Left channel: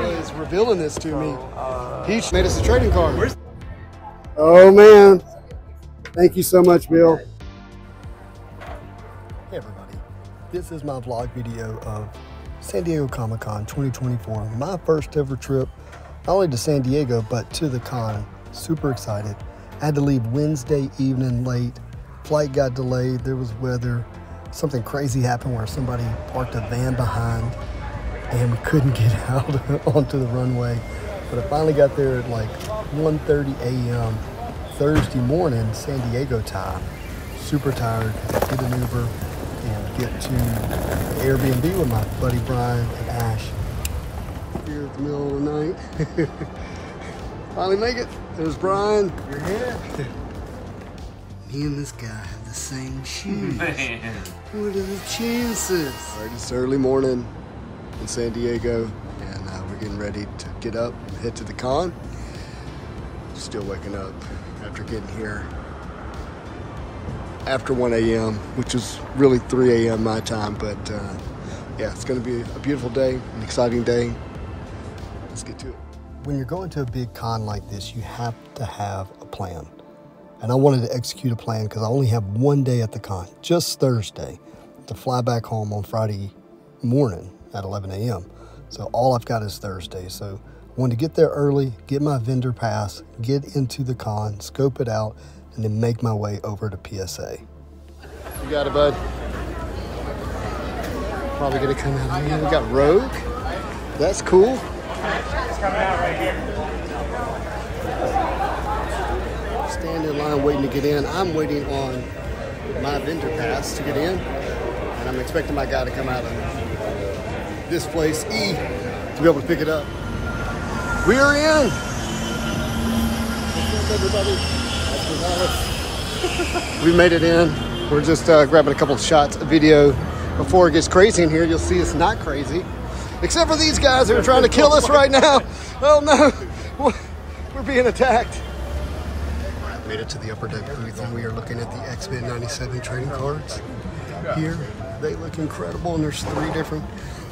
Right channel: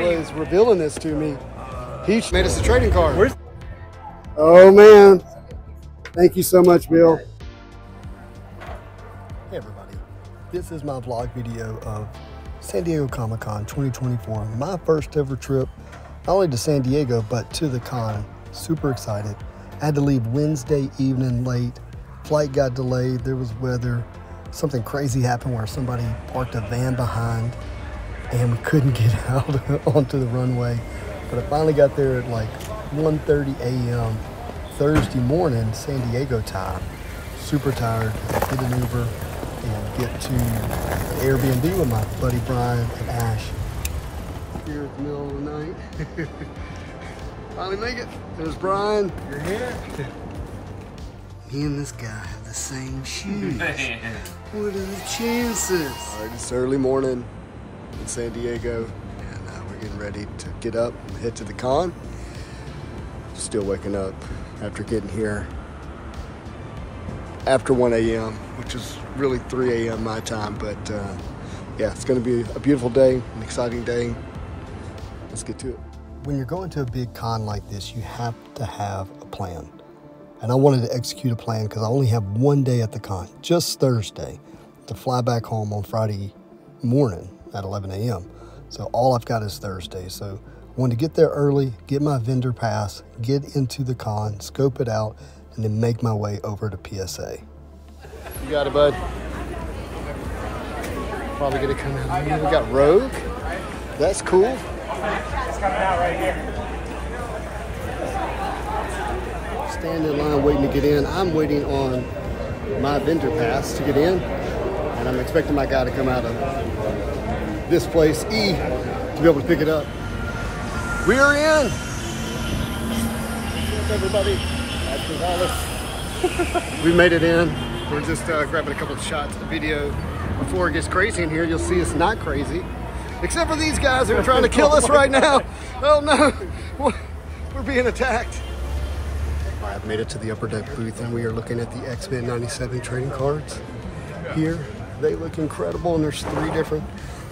Is revealing this to me. He made us a trading card. Oh man, thank you so much, Bill. Hey everybody, this is my vlog video of San Diego Comic-Con 2024. My first ever trip, not only to San Diego, but to the con. Super excited. I had to leave Wednesday evening late. Flight got delayed, there was weather. Something crazy happened where somebody parked a van behind and we couldn't get out onto the runway. But I finally got there at like 1:30 a.m. Thursday morning, San Diego time. Super tired, had to get an Uber and get to the Airbnb with my buddy Brian and Ash. Here at the middle of the night. Finally make it. There's Brian. You're here. Me and this guy have the same shoes. Man. What are the chances? All right, it's early morning in San Diego, and we're getting ready to get up and head to the con. Still waking up after getting here after 1 a.m., which is really 3 a.m. my time, but yeah, it's gonna be a beautiful day, an exciting day. Let's get to it. When you're going to a big con like this, you have to have a plan. And I wanted to execute a plan because I only have one day at the con, just Thursday, to fly back home on Friday morning at 11 a.m. So all I've got is Thursday. So I wanted to get there early, get my vendor pass, get into the con, scope it out, and then make my way over to PSA. You got it, bud. Probably gonna come out of here. We got Rogue. That's cool. Stand in line waiting to get in. I'm waiting on my vendor pass to get in, and I'm expecting my guy to come out of this place, E, to be able to pick it up. We are in. What's up, everybody? We made it in. We're just grabbing a couple of shots of video before it gets crazy in here. You'll see it's not crazy, except for these guys who are trying to kill us right now. Oh no, we're being attacked. All right, I've made it to the upper deck booth, and we are looking at the X-Men 97 trading cards here. They look incredible, and there's three different.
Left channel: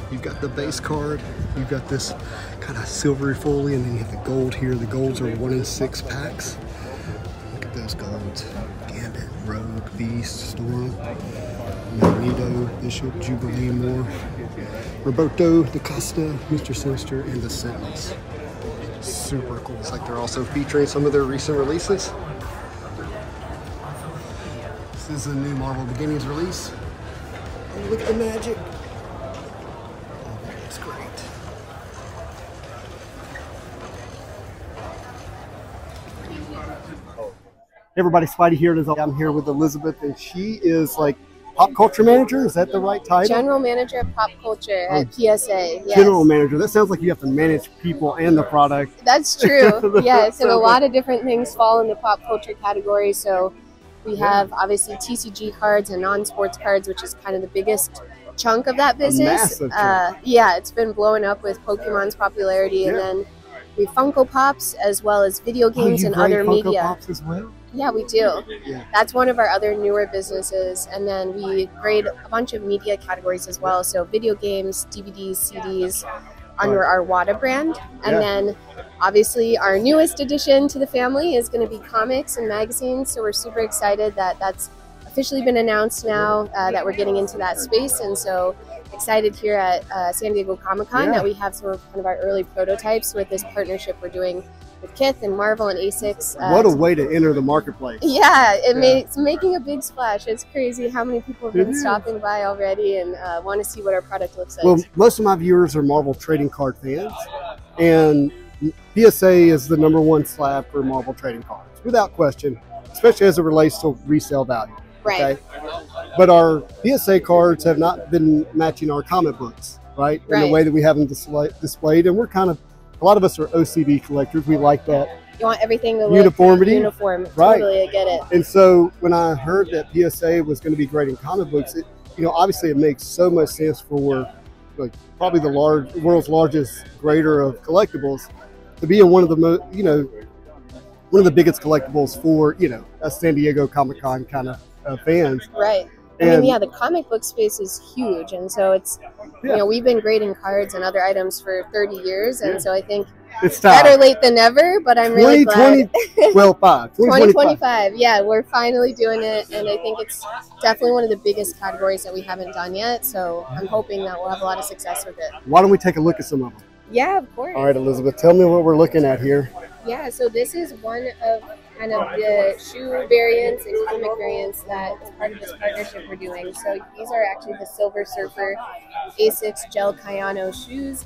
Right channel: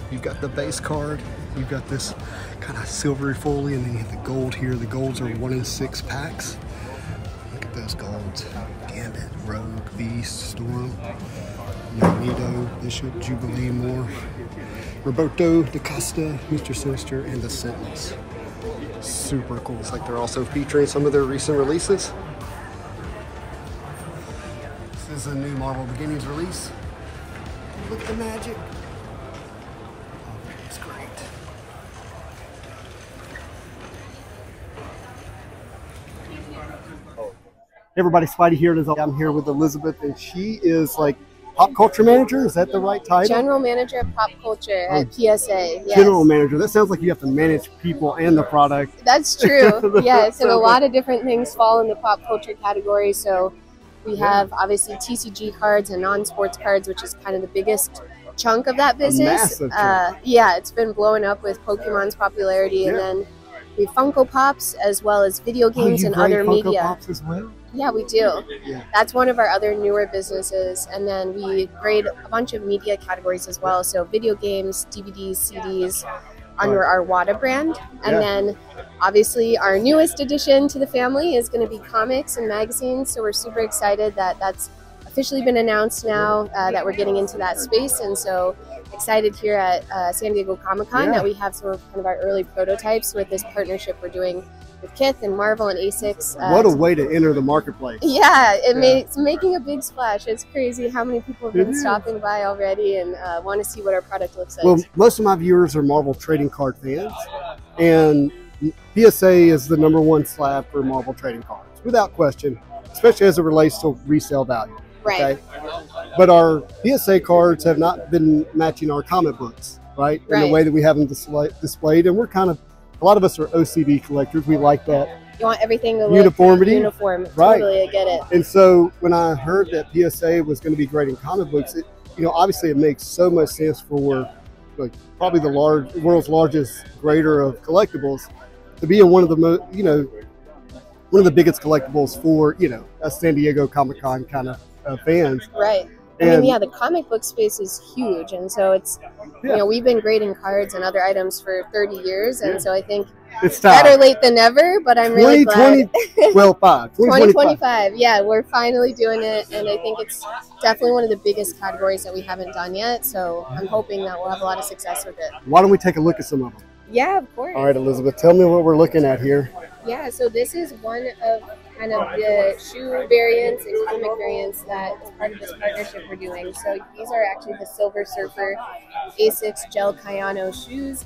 You've got the base card, you've got this kind of silvery foley, and then you have the gold here. The golds are 1 in 6 packs. Look at those golds. Gambit, Rogue, Beast, Storm, Magneto, Bishop, Jubilee, Moore, Roberto, DaCosta, Mr. Sinister, and the Sentinels. Super cool. It's like they're also featuring some of their recent releases. This is a new Marvel Beginnings release. Oh, look at the magic. Oh, that's great. Hey everybody, Spidey here. I'm here with Elizabeth, and she is like pop culture manager. Is that the right title? General manager of pop culture at PSA. Yes. General manager. That sounds like you have to manage people and the product. That's true. Yes, and a lot of different things fall in the pop culture category. So we have obviously TCG cards and non-sports cards, which is kind of the biggest chunk of that business. Yeah, it's been blowing up with Pokemon's popularity, and then we have Funko Pops as well as video games and other Funko media. Pops as well? Yeah, we do. Yeah. That's one of our other newer businesses. And then we grade a bunch of media categories as well. So video games, DVDs, CDs under our WADA brand. And then obviously our newest addition to the family is going to be comics and magazines. So we're super excited that that's officially been announced now that we're getting into that space. And so excited here at San Diego Comic-Con that we have some of kind of our early prototypes with this partnership we're doing with Kith and Marvel and ASICS. What a way to enter the marketplace. Yeah, it's making a big splash. It's crazy how many people have been stopping by already and want to see what our product looks like. Well, most of my viewers are Marvel trading card fans, and PSA is the #1 slab for Marvel trading cards, without question, especially as it relates to resale value. Right. Okay? But our PSA cards have not been matching our comic books, right? In the way that we have them displayed, and we're kind of, a lot of us are OCD collectors. We like that. You want everything to look uniformity. Uniform. Right. Totally, I get it. And so when I heard that PSA was going to be grading comic books, it, you know, obviously it makes so much sense for like probably the world's largest grader of collectibles to be in one of the most, you know, one of the biggest collectibles for, you know, a San Diego Comic-Con kind of fans. Right. I mean, yeah, the comic book space is huge, and so it's, you know, we've been grading cards and other items for 30 years, and so I think it's time. Better late than never, but I'm really glad. 2025. Yeah, we're finally doing it, and I think it's definitely one of the biggest categories that we haven't done yet, so I'm hoping that we'll have a lot of success with it. Why don't we take a look at some of them? Yeah, of course. All right, Elizabeth, tell me what we're looking at here. Yeah, so this is one of kind of the shoe variants and comic variants that is part of this partnership we're doing. So these are actually the Silver Surfer Asics Gel Kayano shoes.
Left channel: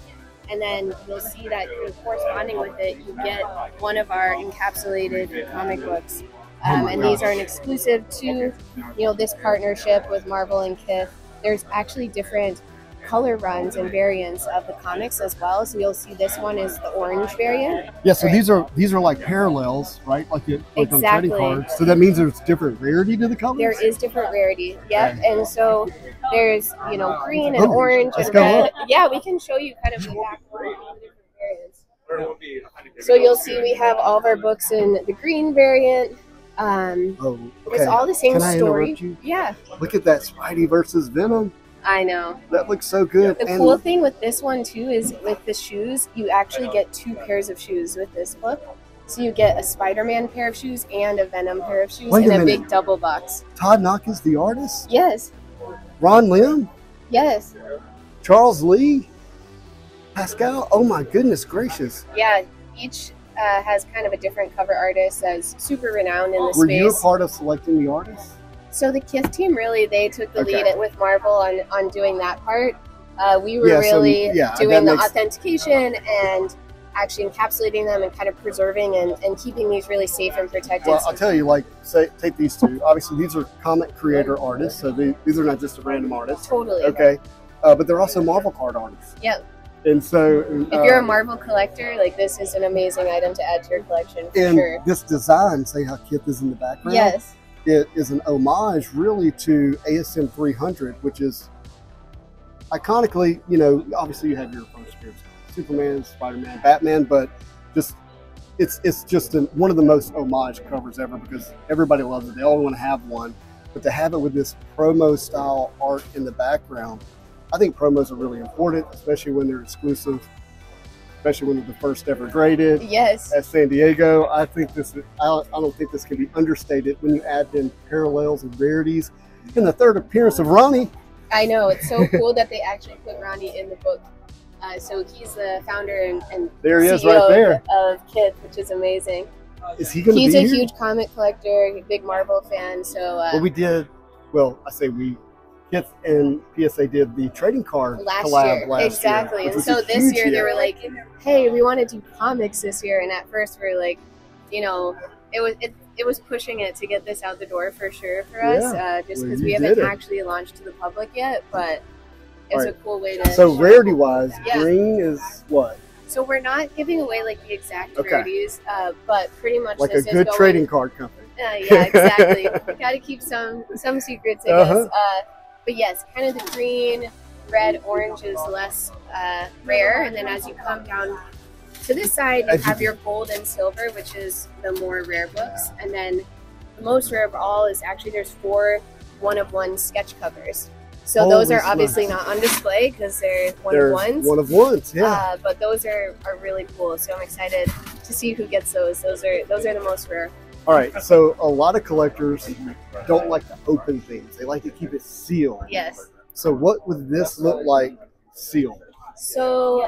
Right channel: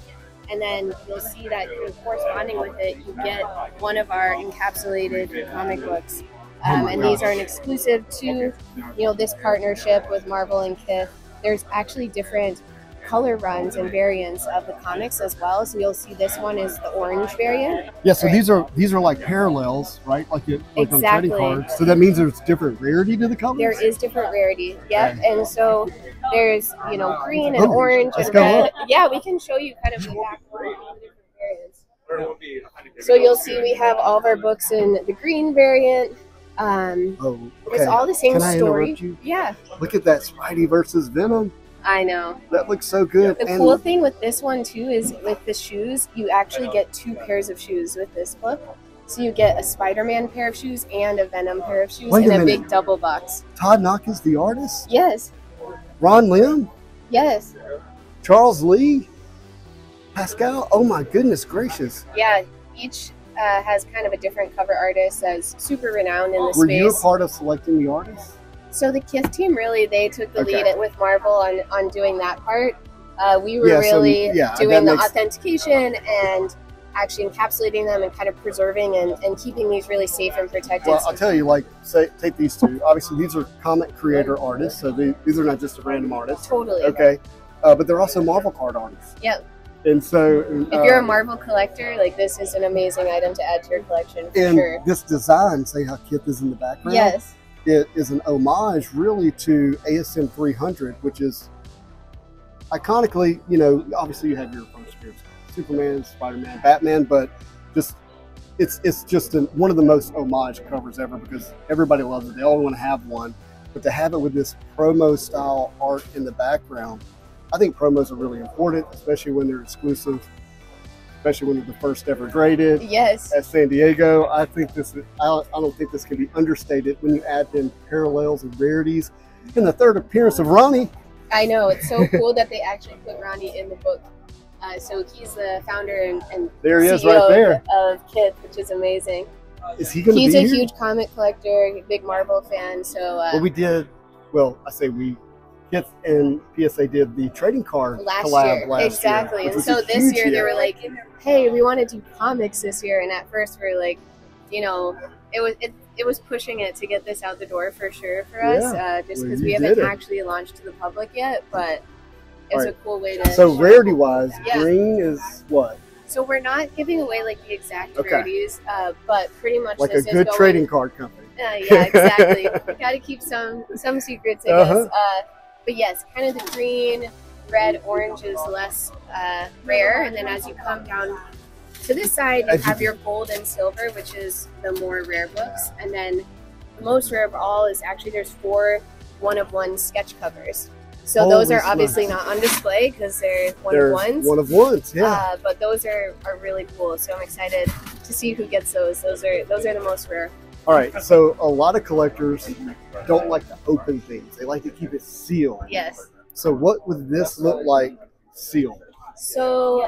And then you'll see that corresponding with it, you get one of our encapsulated comic books. And these are an exclusive to, you know, this partnership with Marvel and Kith. There's actually different color runs and variants of the comics as well. So you'll see this one is the orange variant. Yeah, so these are like parallels, right? Like on trading cards. So that means there's different rarity to the colors? There is different rarity, yep. Okay. And so there's, you know, green and orange and red. Yeah, we can show you kind of the back of the different variants. So you'll see we have all of our books in the green variant. Okay. It's all the same story. Interrupt you? Yeah. Look at that Spidey versus Venom. I know. That looks so good. The cool thing with this one too is with the shoes, you actually get 2 pairs of shoes with this book. So you get a Spider-Man pair of shoes and a Venom pair of shoes in a big double box. Todd Knock is the artist? Yes. Ron Lim? Yes. Charles Lee? Pascal? Oh my goodness gracious. Yeah, each has kind of a different cover artist that's super renowned in the space. Were you a part of selecting the artists? So the Kith team, really, they took the lead with Marvel on doing that part. We were doing the authentication and actually encapsulating them and kind of preserving and keeping these really safe and protected. Well, I'll tell you, like, take these two. Obviously, these are comic creator artists, so these are not just a random artist. Totally. Okay. But they're also Marvel card artists. Yep. And so, if you're a Marvel collector, like this is an amazing item to add to your collection for sure. This design, say how Kith is in the background. Yes. It is an homage really to ASM 300, which is iconically, you know, obviously you have your first appearance, Superman, Spider-Man, Batman, but just it's just one of the most homage covers ever because everybody loves it. They all want to have one, but to have it with this promo style art in the background, I think promos are really important, especially when they're exclusive. Especially when they're the first ever graded. Yes. At San Diego. I think I don't think this can be understated when you add in parallels and rarities. And the third appearance of Ronnie. I know, it's so cool that they actually put Ronnie in the book. So he's the founder and there he CEO is right there of Kith, which is amazing. Is he going to be He's a here? huge comic collector, big Marvel fan. So I say we. Kith and PSA did the trading card collab last exactly. year. And so this year they were like, hey, we want to do comics this year. And at first we were like, you know, it was pushing it to get this out the door for sure for us, just because we haven't actually launched to the public yet. But it's a cool way to. So rarity-wise, green is what? So we're not giving away like the exact rarities, but pretty much like this a good trading card company. Yeah, exactly. We got to keep some secrets, I guess. But yes, kind of the green, red, orange is less rare. And then as you come down to this side, you have your gold and silver, which is the more rare books. And then the most rare of all is actually there's 4 one-of-one sketch covers. So those are obviously not on display because they're one-of-ones. One-of-ones, yeah. But those are really cool. So I'm excited to see who gets those. Those are the most rare. All right, so a lot of collectors don't like to open things. They like to keep it sealed. Yes. So what would this look like sealed? So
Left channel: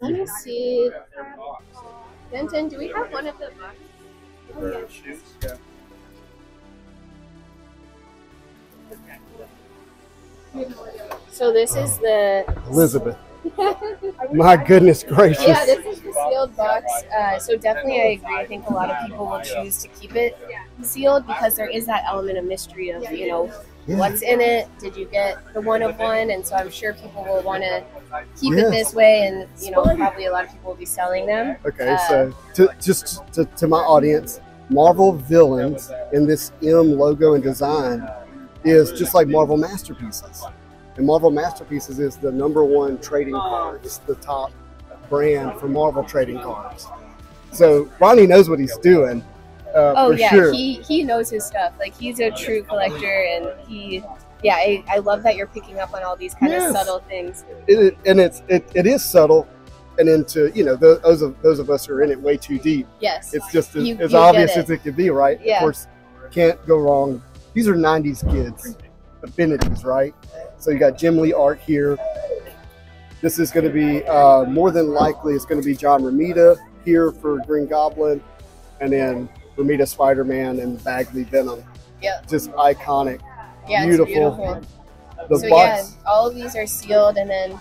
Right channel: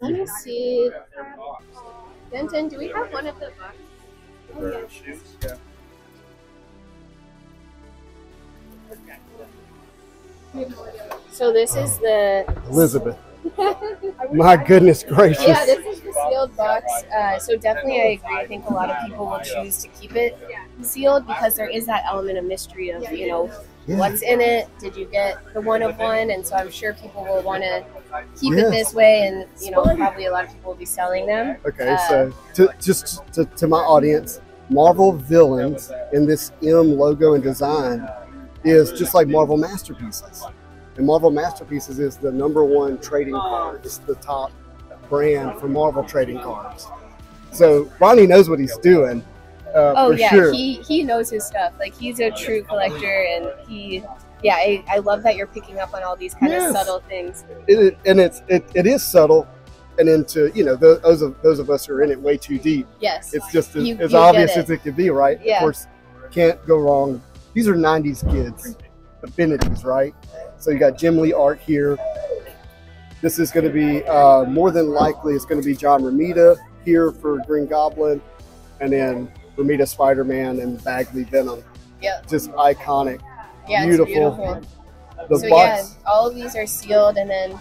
let me see. Denton, do we have one of the boxes? Oh, yeah. So this is the Elizabeth. My goodness gracious. Yeah, this is the sealed box. So definitely I agree. I think a lot of people will choose to keep it sealed because there is that element of mystery of, you know, what's in it? Did you get the one-of-one? And so I'm sure people will want to keep it this way, and, you know, probably a lot of people will be selling them. Okay, so to my audience, Marvel Villains in this M logo and design is just like Marvel Masterpieces. And Marvel Masterpieces is the #1 trading card. It's the top brand for Marvel trading cards. So Ronnie knows what he's doing. Oh for yeah, sure. he knows his stuff. Like, he's a true collector, and he Yeah, I love that you're picking up on all these kind of subtle things. It is subtle, and into those of us who are in it way too deep. Yes, it's just as obvious as it could be, right? Yeah. Of course, can't go wrong. These are '90s kids, affinities, right? So you got Jim Lee art here. This is going to be more than likely it's going to be John Romita here for Green Goblin, and then Romita Spider-Man and Bagley Venom. Yeah, just iconic. Yeah, beautiful. So yeah, all of these are sealed, and then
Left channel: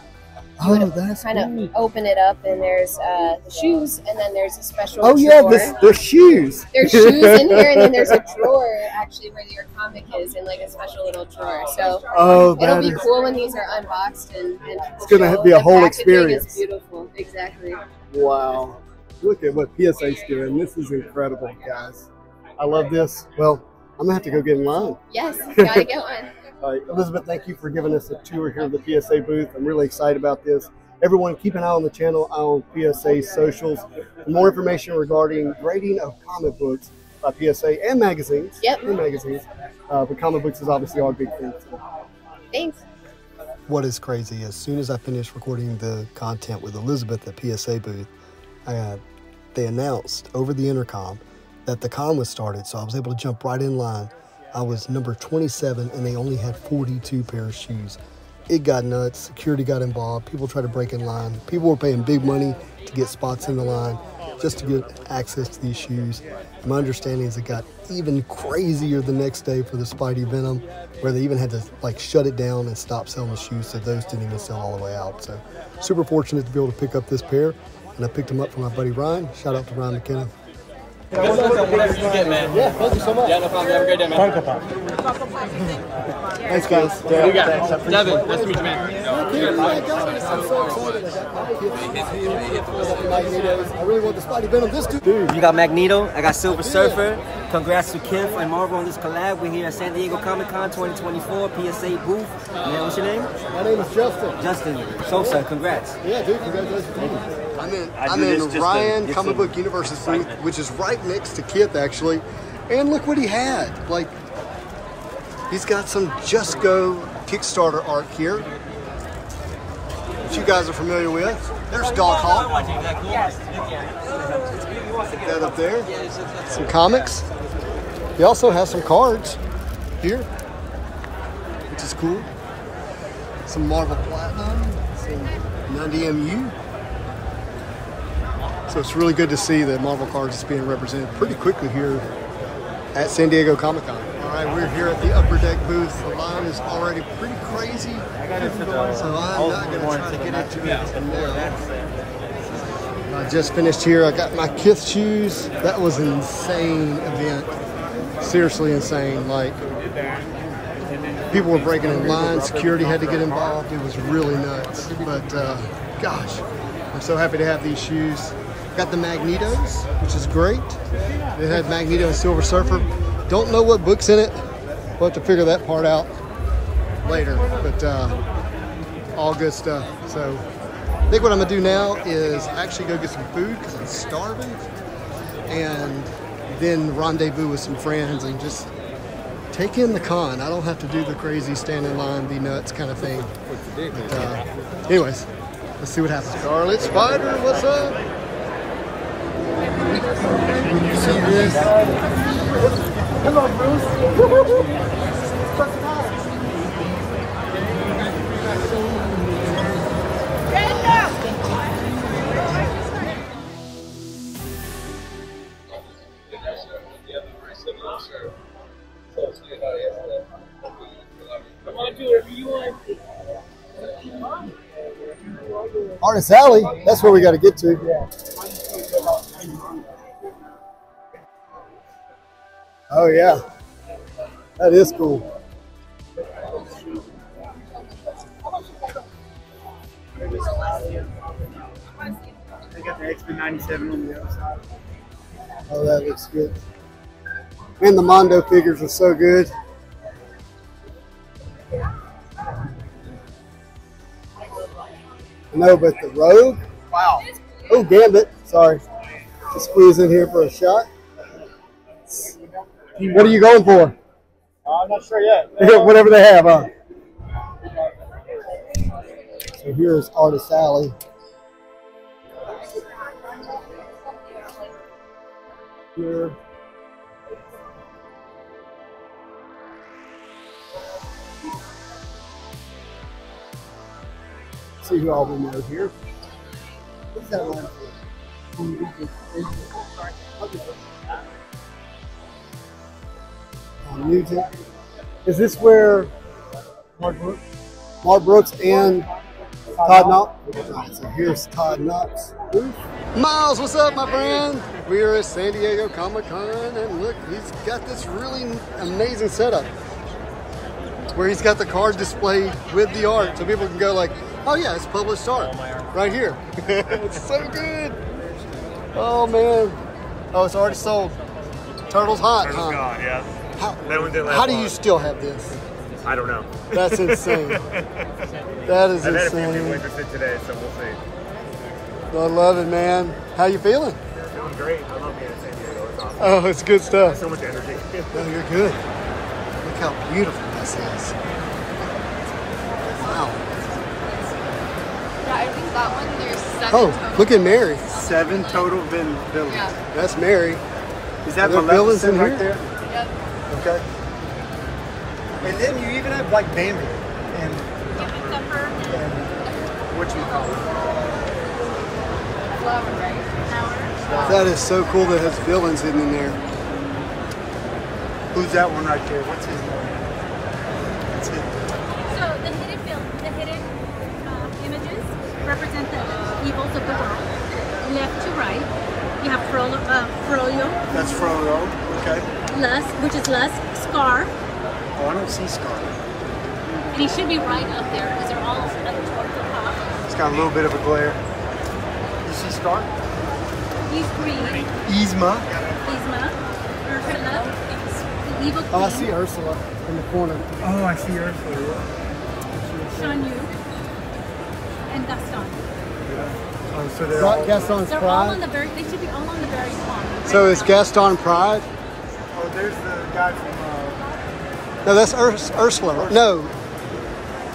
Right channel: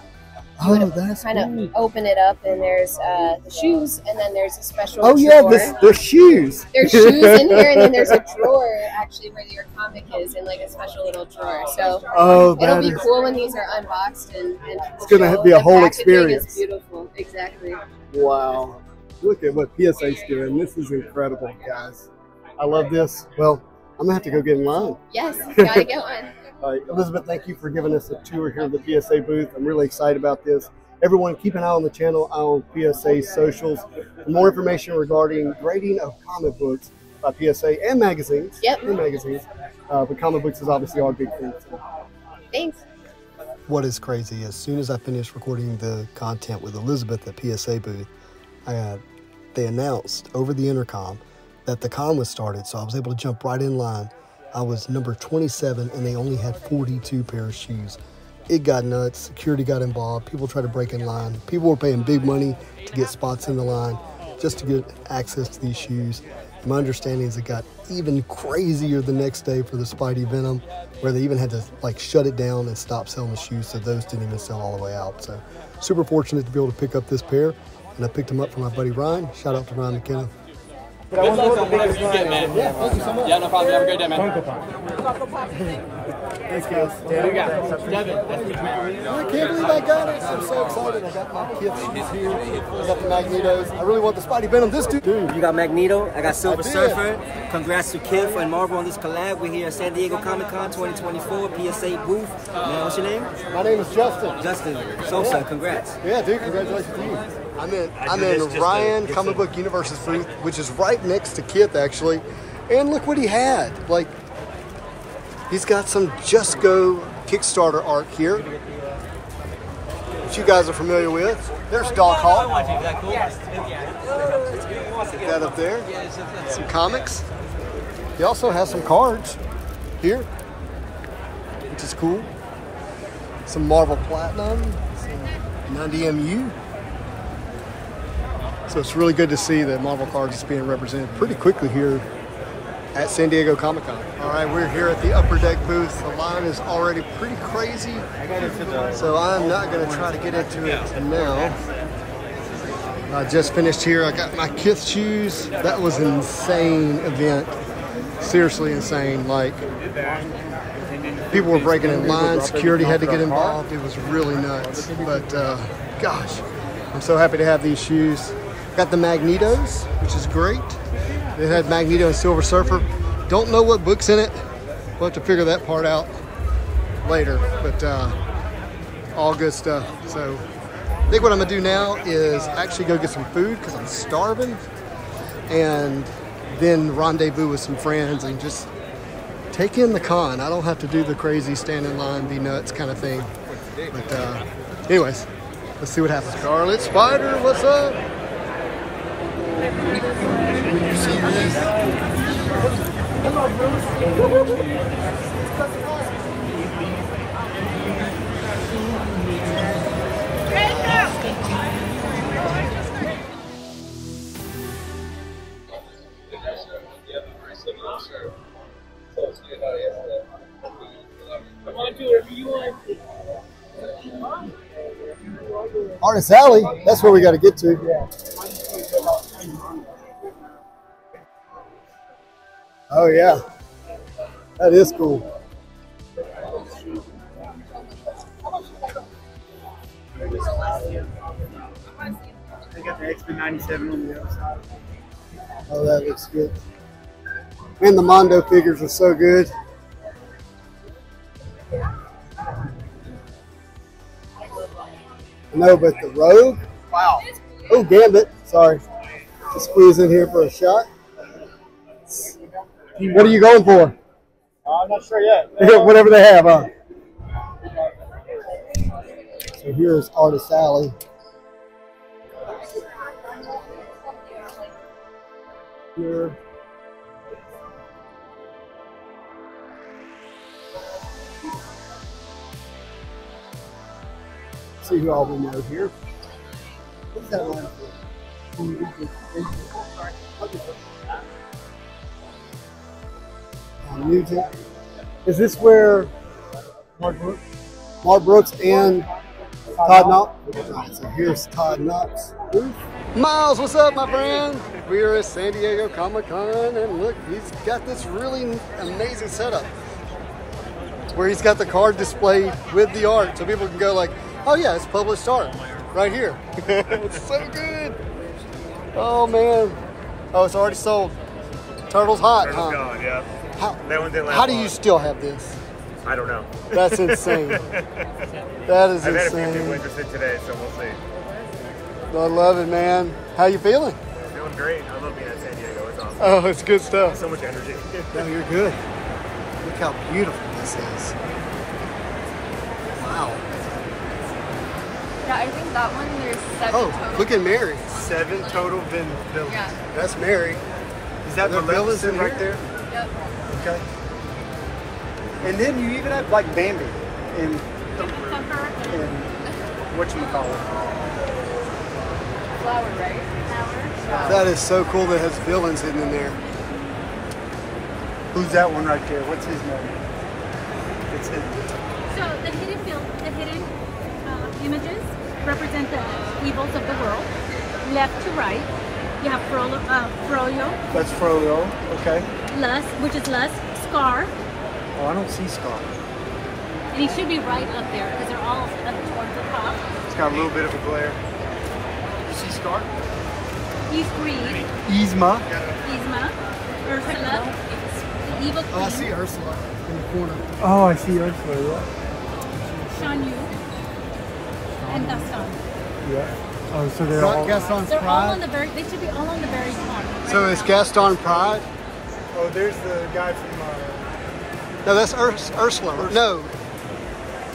you would kind of open it up, and there's the shoes, and then there's a special drawer. There's shoes. There's shoes in here, and then there's a drawer actually where your comic is in like a special little drawer. So it'll be cool when these are unboxed and it's gonna be a whole experience. It's beautiful, exactly. Wow, look at what PSA's doing. This is incredible, guys. I love this. Well, I'm gonna have to go get in line. Yes, gotta get one. All right, Elizabeth, thank you for giving us a tour here of the PSA booth. I'm really excited about this. Everyone, keep an eye on the channel, eye on PSA socials. For more information regarding grading of comic books by PSA and magazines. Yep. And magazines. But comic books is obviously our big thing. So. Thanks. What is crazy, as soon as I finished recording the content with Elizabeth at PSA booth, they announced over the intercom that the con was started, so I was able to jump right in line. I was number 27, and they only had 42 pairs of shoes. It got nuts. Security got involved. People tried to break in line. People were paying big money to get spots in the line just to get access to these shoes. And my understanding is it got even crazier the next day for the Spidey Venom, where they even had to like shut it down and stop selling the shoes, so those didn't even sell all the way out. So super fortunate to be able to pick up this pair, and I picked them up for my buddy Ryan. Shout out to Ryan McKenna. Good luck on whatever you get, man. Yeah, thank you so much. Yeah, no problem. Have a great day, man. Thanks, guys. What do you got? Devin, nice to meet you, man. I can't believe I got it. I'm so excited. I got my kids here. I got the Magnetos. I really want the Spidey Venom. This dude. You got Magneto. I got Silver Surfer. Congrats to Kith and Marvel on this collab. We're here at San Diego Comic-Con 2024 PSA booth. Man, what's your name? My name is Justin. Justin Sosa. Congrats. Yeah, dude. Congratulations to you. I'm in Ryan Comic Book Universe's booth, which is right next to Kith, actually. And look what he had. Like, he's got some Just Go Kickstarter art here, which you guys are familiar with. There's Dog Hawk. Stick that up there. Some comics. He also has some cards here, which is cool. Some Marvel Platinum, some 90MU. So it's really good to see the Marvel cards just being represented pretty quickly here at San Diego Comic-Con. All right, we're here at the Upper Deck booth. The line is already pretty crazy, so I'm not going to try to get into it now. I just finished here. I got my Kith shoes. That was an insane event. Seriously insane. Like, people were breaking in line. Security had to get involved. It was really nuts. But, gosh, I'm so happy to have these shoes. Got the Magnetos, which is great. They had Magneto and Silver Surfer. Don't know what book's in it. We'll have to figure that part out later, but all good stuff. So I think what I'm gonna do now is actually go get some food because I'm starving, and then rendezvous with some friends and just take in the con. I don't have to do the crazy stand in line, be nuts kind of thing. But anyways, let's see what happens. Scarlet Spider, what's up? Hello, Bruce. Artist Alley, that's where we got to get to. Oh yeah, that is cool. They got the X-Men 97 on the other side. Oh, that looks good. And the Mondo figures are so good. No, but the Rogue? Wow. Oh, Gambit. Sorry. Just squeeze in here for a shot. What are you going for? I'm not sure yet. Whatever they have, huh? So here's Artist Alley. Here. See who all we know here. What's that line for? Music. Is this where Mark Brooks and Todd Knox? Right, so here's Todd Knox. Miles, what's up, my friend? We are at San Diego Comic-Con, and look, he's got this really amazing setup where he's got the card displayed with the art, so people can go like, oh yeah, it's published art right here. It's so good. Oh man. Oh, it's already sold. Turtle's hot, huh? Gone, yeah. That one didn't last how do long. you still have this? I don't know. That's insane. That is I've had a few people insane. interested today, so we'll see. I love it, man. How you feeling? Feeling great. I love being at San Diego. It's awesome. Oh, it's good stuff. So much energy. No, you're good. Look how beautiful this is. Wow. Yeah, I think that one there's 7. Oh, look at Mary. 7 total villains. Yeah. That's Mary. Is that Are there the villains in right here? there? Yep. Okay. And then you even have like Bandit and whatchamacallit. Flower, right? That is so cool that it has villains hidden in there. Who's that one right there? What's his name? What's his So the hidden images represent the evils of the world, left to right. You have Frollo, That's Frodo. Okay. which is Les, Scar, Oh, I don't see Scar. and he should be right up there because they're all It's got a little bit of a glare. You see Scar? He's green. Yzma. Yzma, Ursula, the evil queen, Oh, I see Ursula in the corner. Oh, I see Ursula. Shan Yu, and Gaston. Oh, so they're all, Gaston's They're all on Pride. the very. They should be all on the very top. So it's Gaston Pride? oh, there's the guy from. No, that's Ursula. Right? No.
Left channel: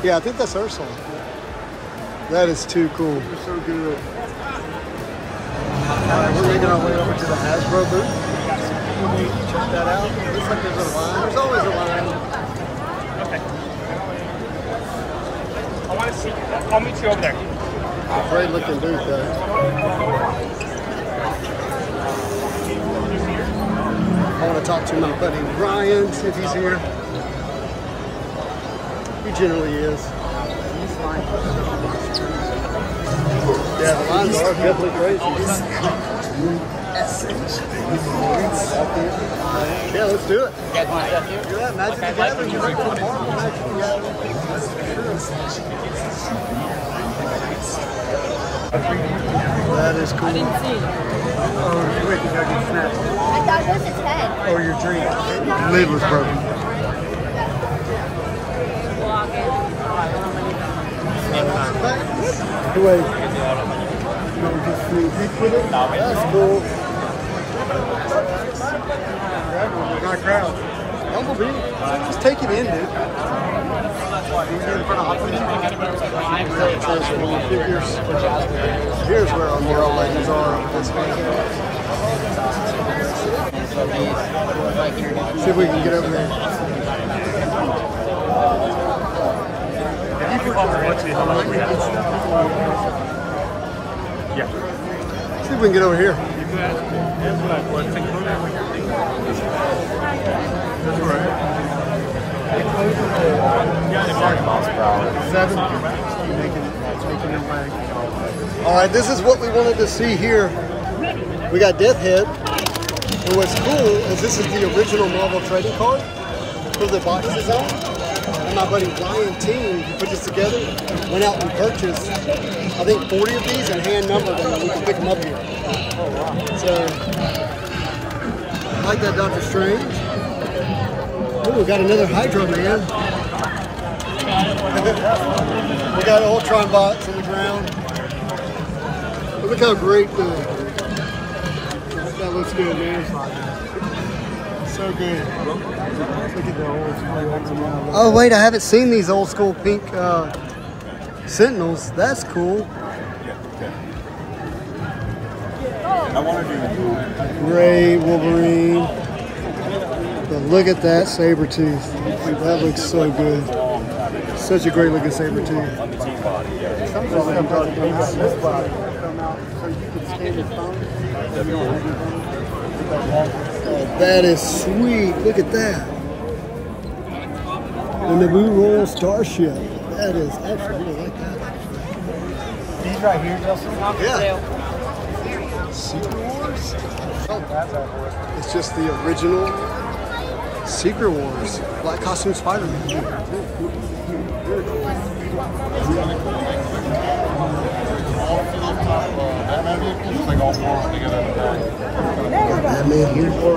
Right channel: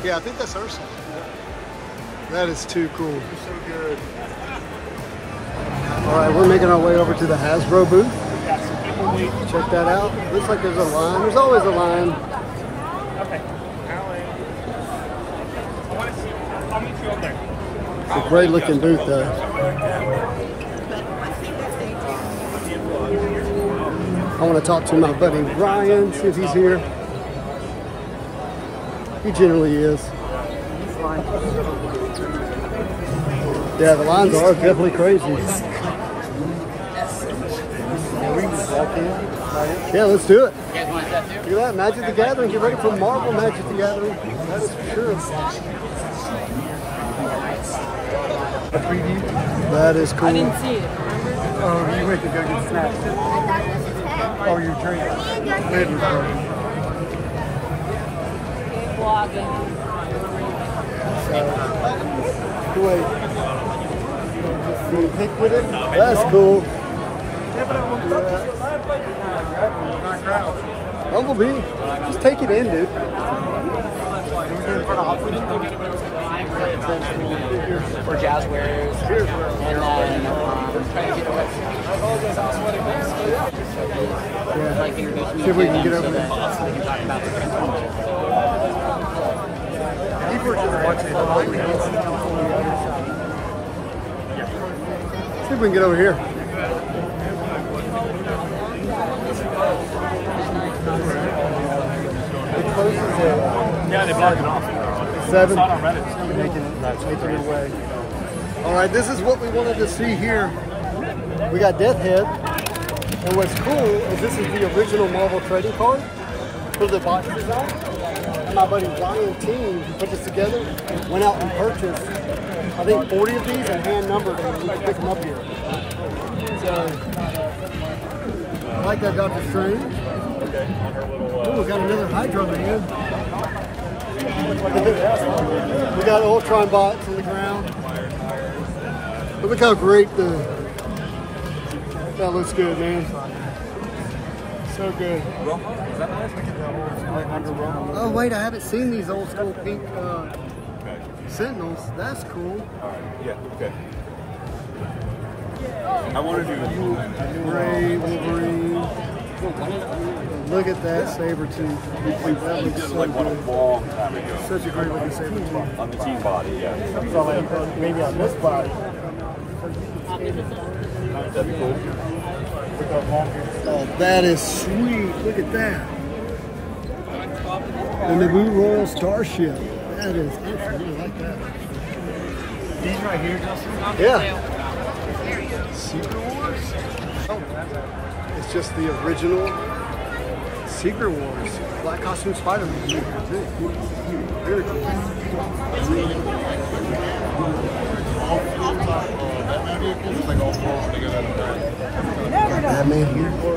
Yeah, I think that's Ursula. That is too cool. You're so good. All right, we're making our way over to the Hasbro booth. Check that out. Looks like there's a line. There's always a line. I want to see. I'll meet you over there. Great looking booth there. I want to talk to my buddy Ryan, see if he's here. He generally is. Yeah, the lines are definitely crazy. Yeah, let's do it. You're at Magic the Gathering. You're ready for Marvel Magic the Gathering. That is cool. I didn't see it. Oh, we can go get snacks. That was a 10. Oh, your drink. Lid was broken. Wait. No, just sneak with it. That's cool. Grab one. Not crowds. That would be. Just take it in, dude. Transformer figures. Here's where our Marvel Legends are over this way. See if we can get over there. See if we can get over here. Seven. Making your way. All right, this is what we wanted to see here. We got Death Head. And what's cool is this is the original Marvel trading card for the box design. And my buddy Ryan Team, who put this together, went out and purchased, I think, 40 of these and hand numbered them, and we can pick them up here. Oh, wow. So, I like that Doctor Strange. Ooh, we got another Hydra Man. We got Ultron bots on the ground. Look how great that looks good, man. So good. Oh wait, I haven't seen these old school pink Sentinels. That's cool. Yeah, okay. I wanted to Gray Wolverine. But look at that Sabretooth. That looks so good. Such a great looking Sabretooth. Oh, that is sweet. Look at that. The Naboo Royal Starship. That is, I actually really like that. These right here, Justin? Yeah. Secret Wars? Oh, it's just the original Secret Wars. Black costume Spider-Man. Very cool. Got Batman here. All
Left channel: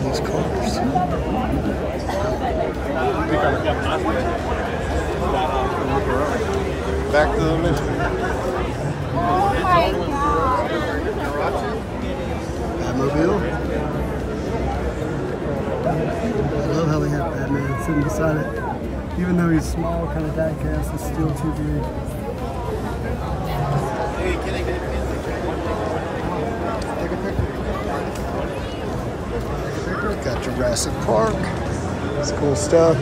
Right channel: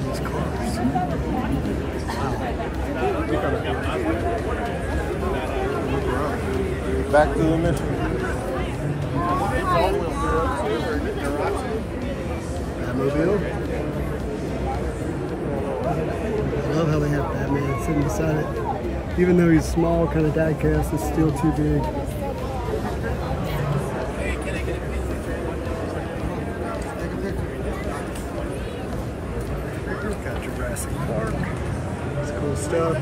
these cars. Back to the mission. Batmobile. I love how they have Batman sitting beside it. Even though he's small, kind of diecast, it's still too big. Take a picture. Got Jurassic Park. It's cool stuff.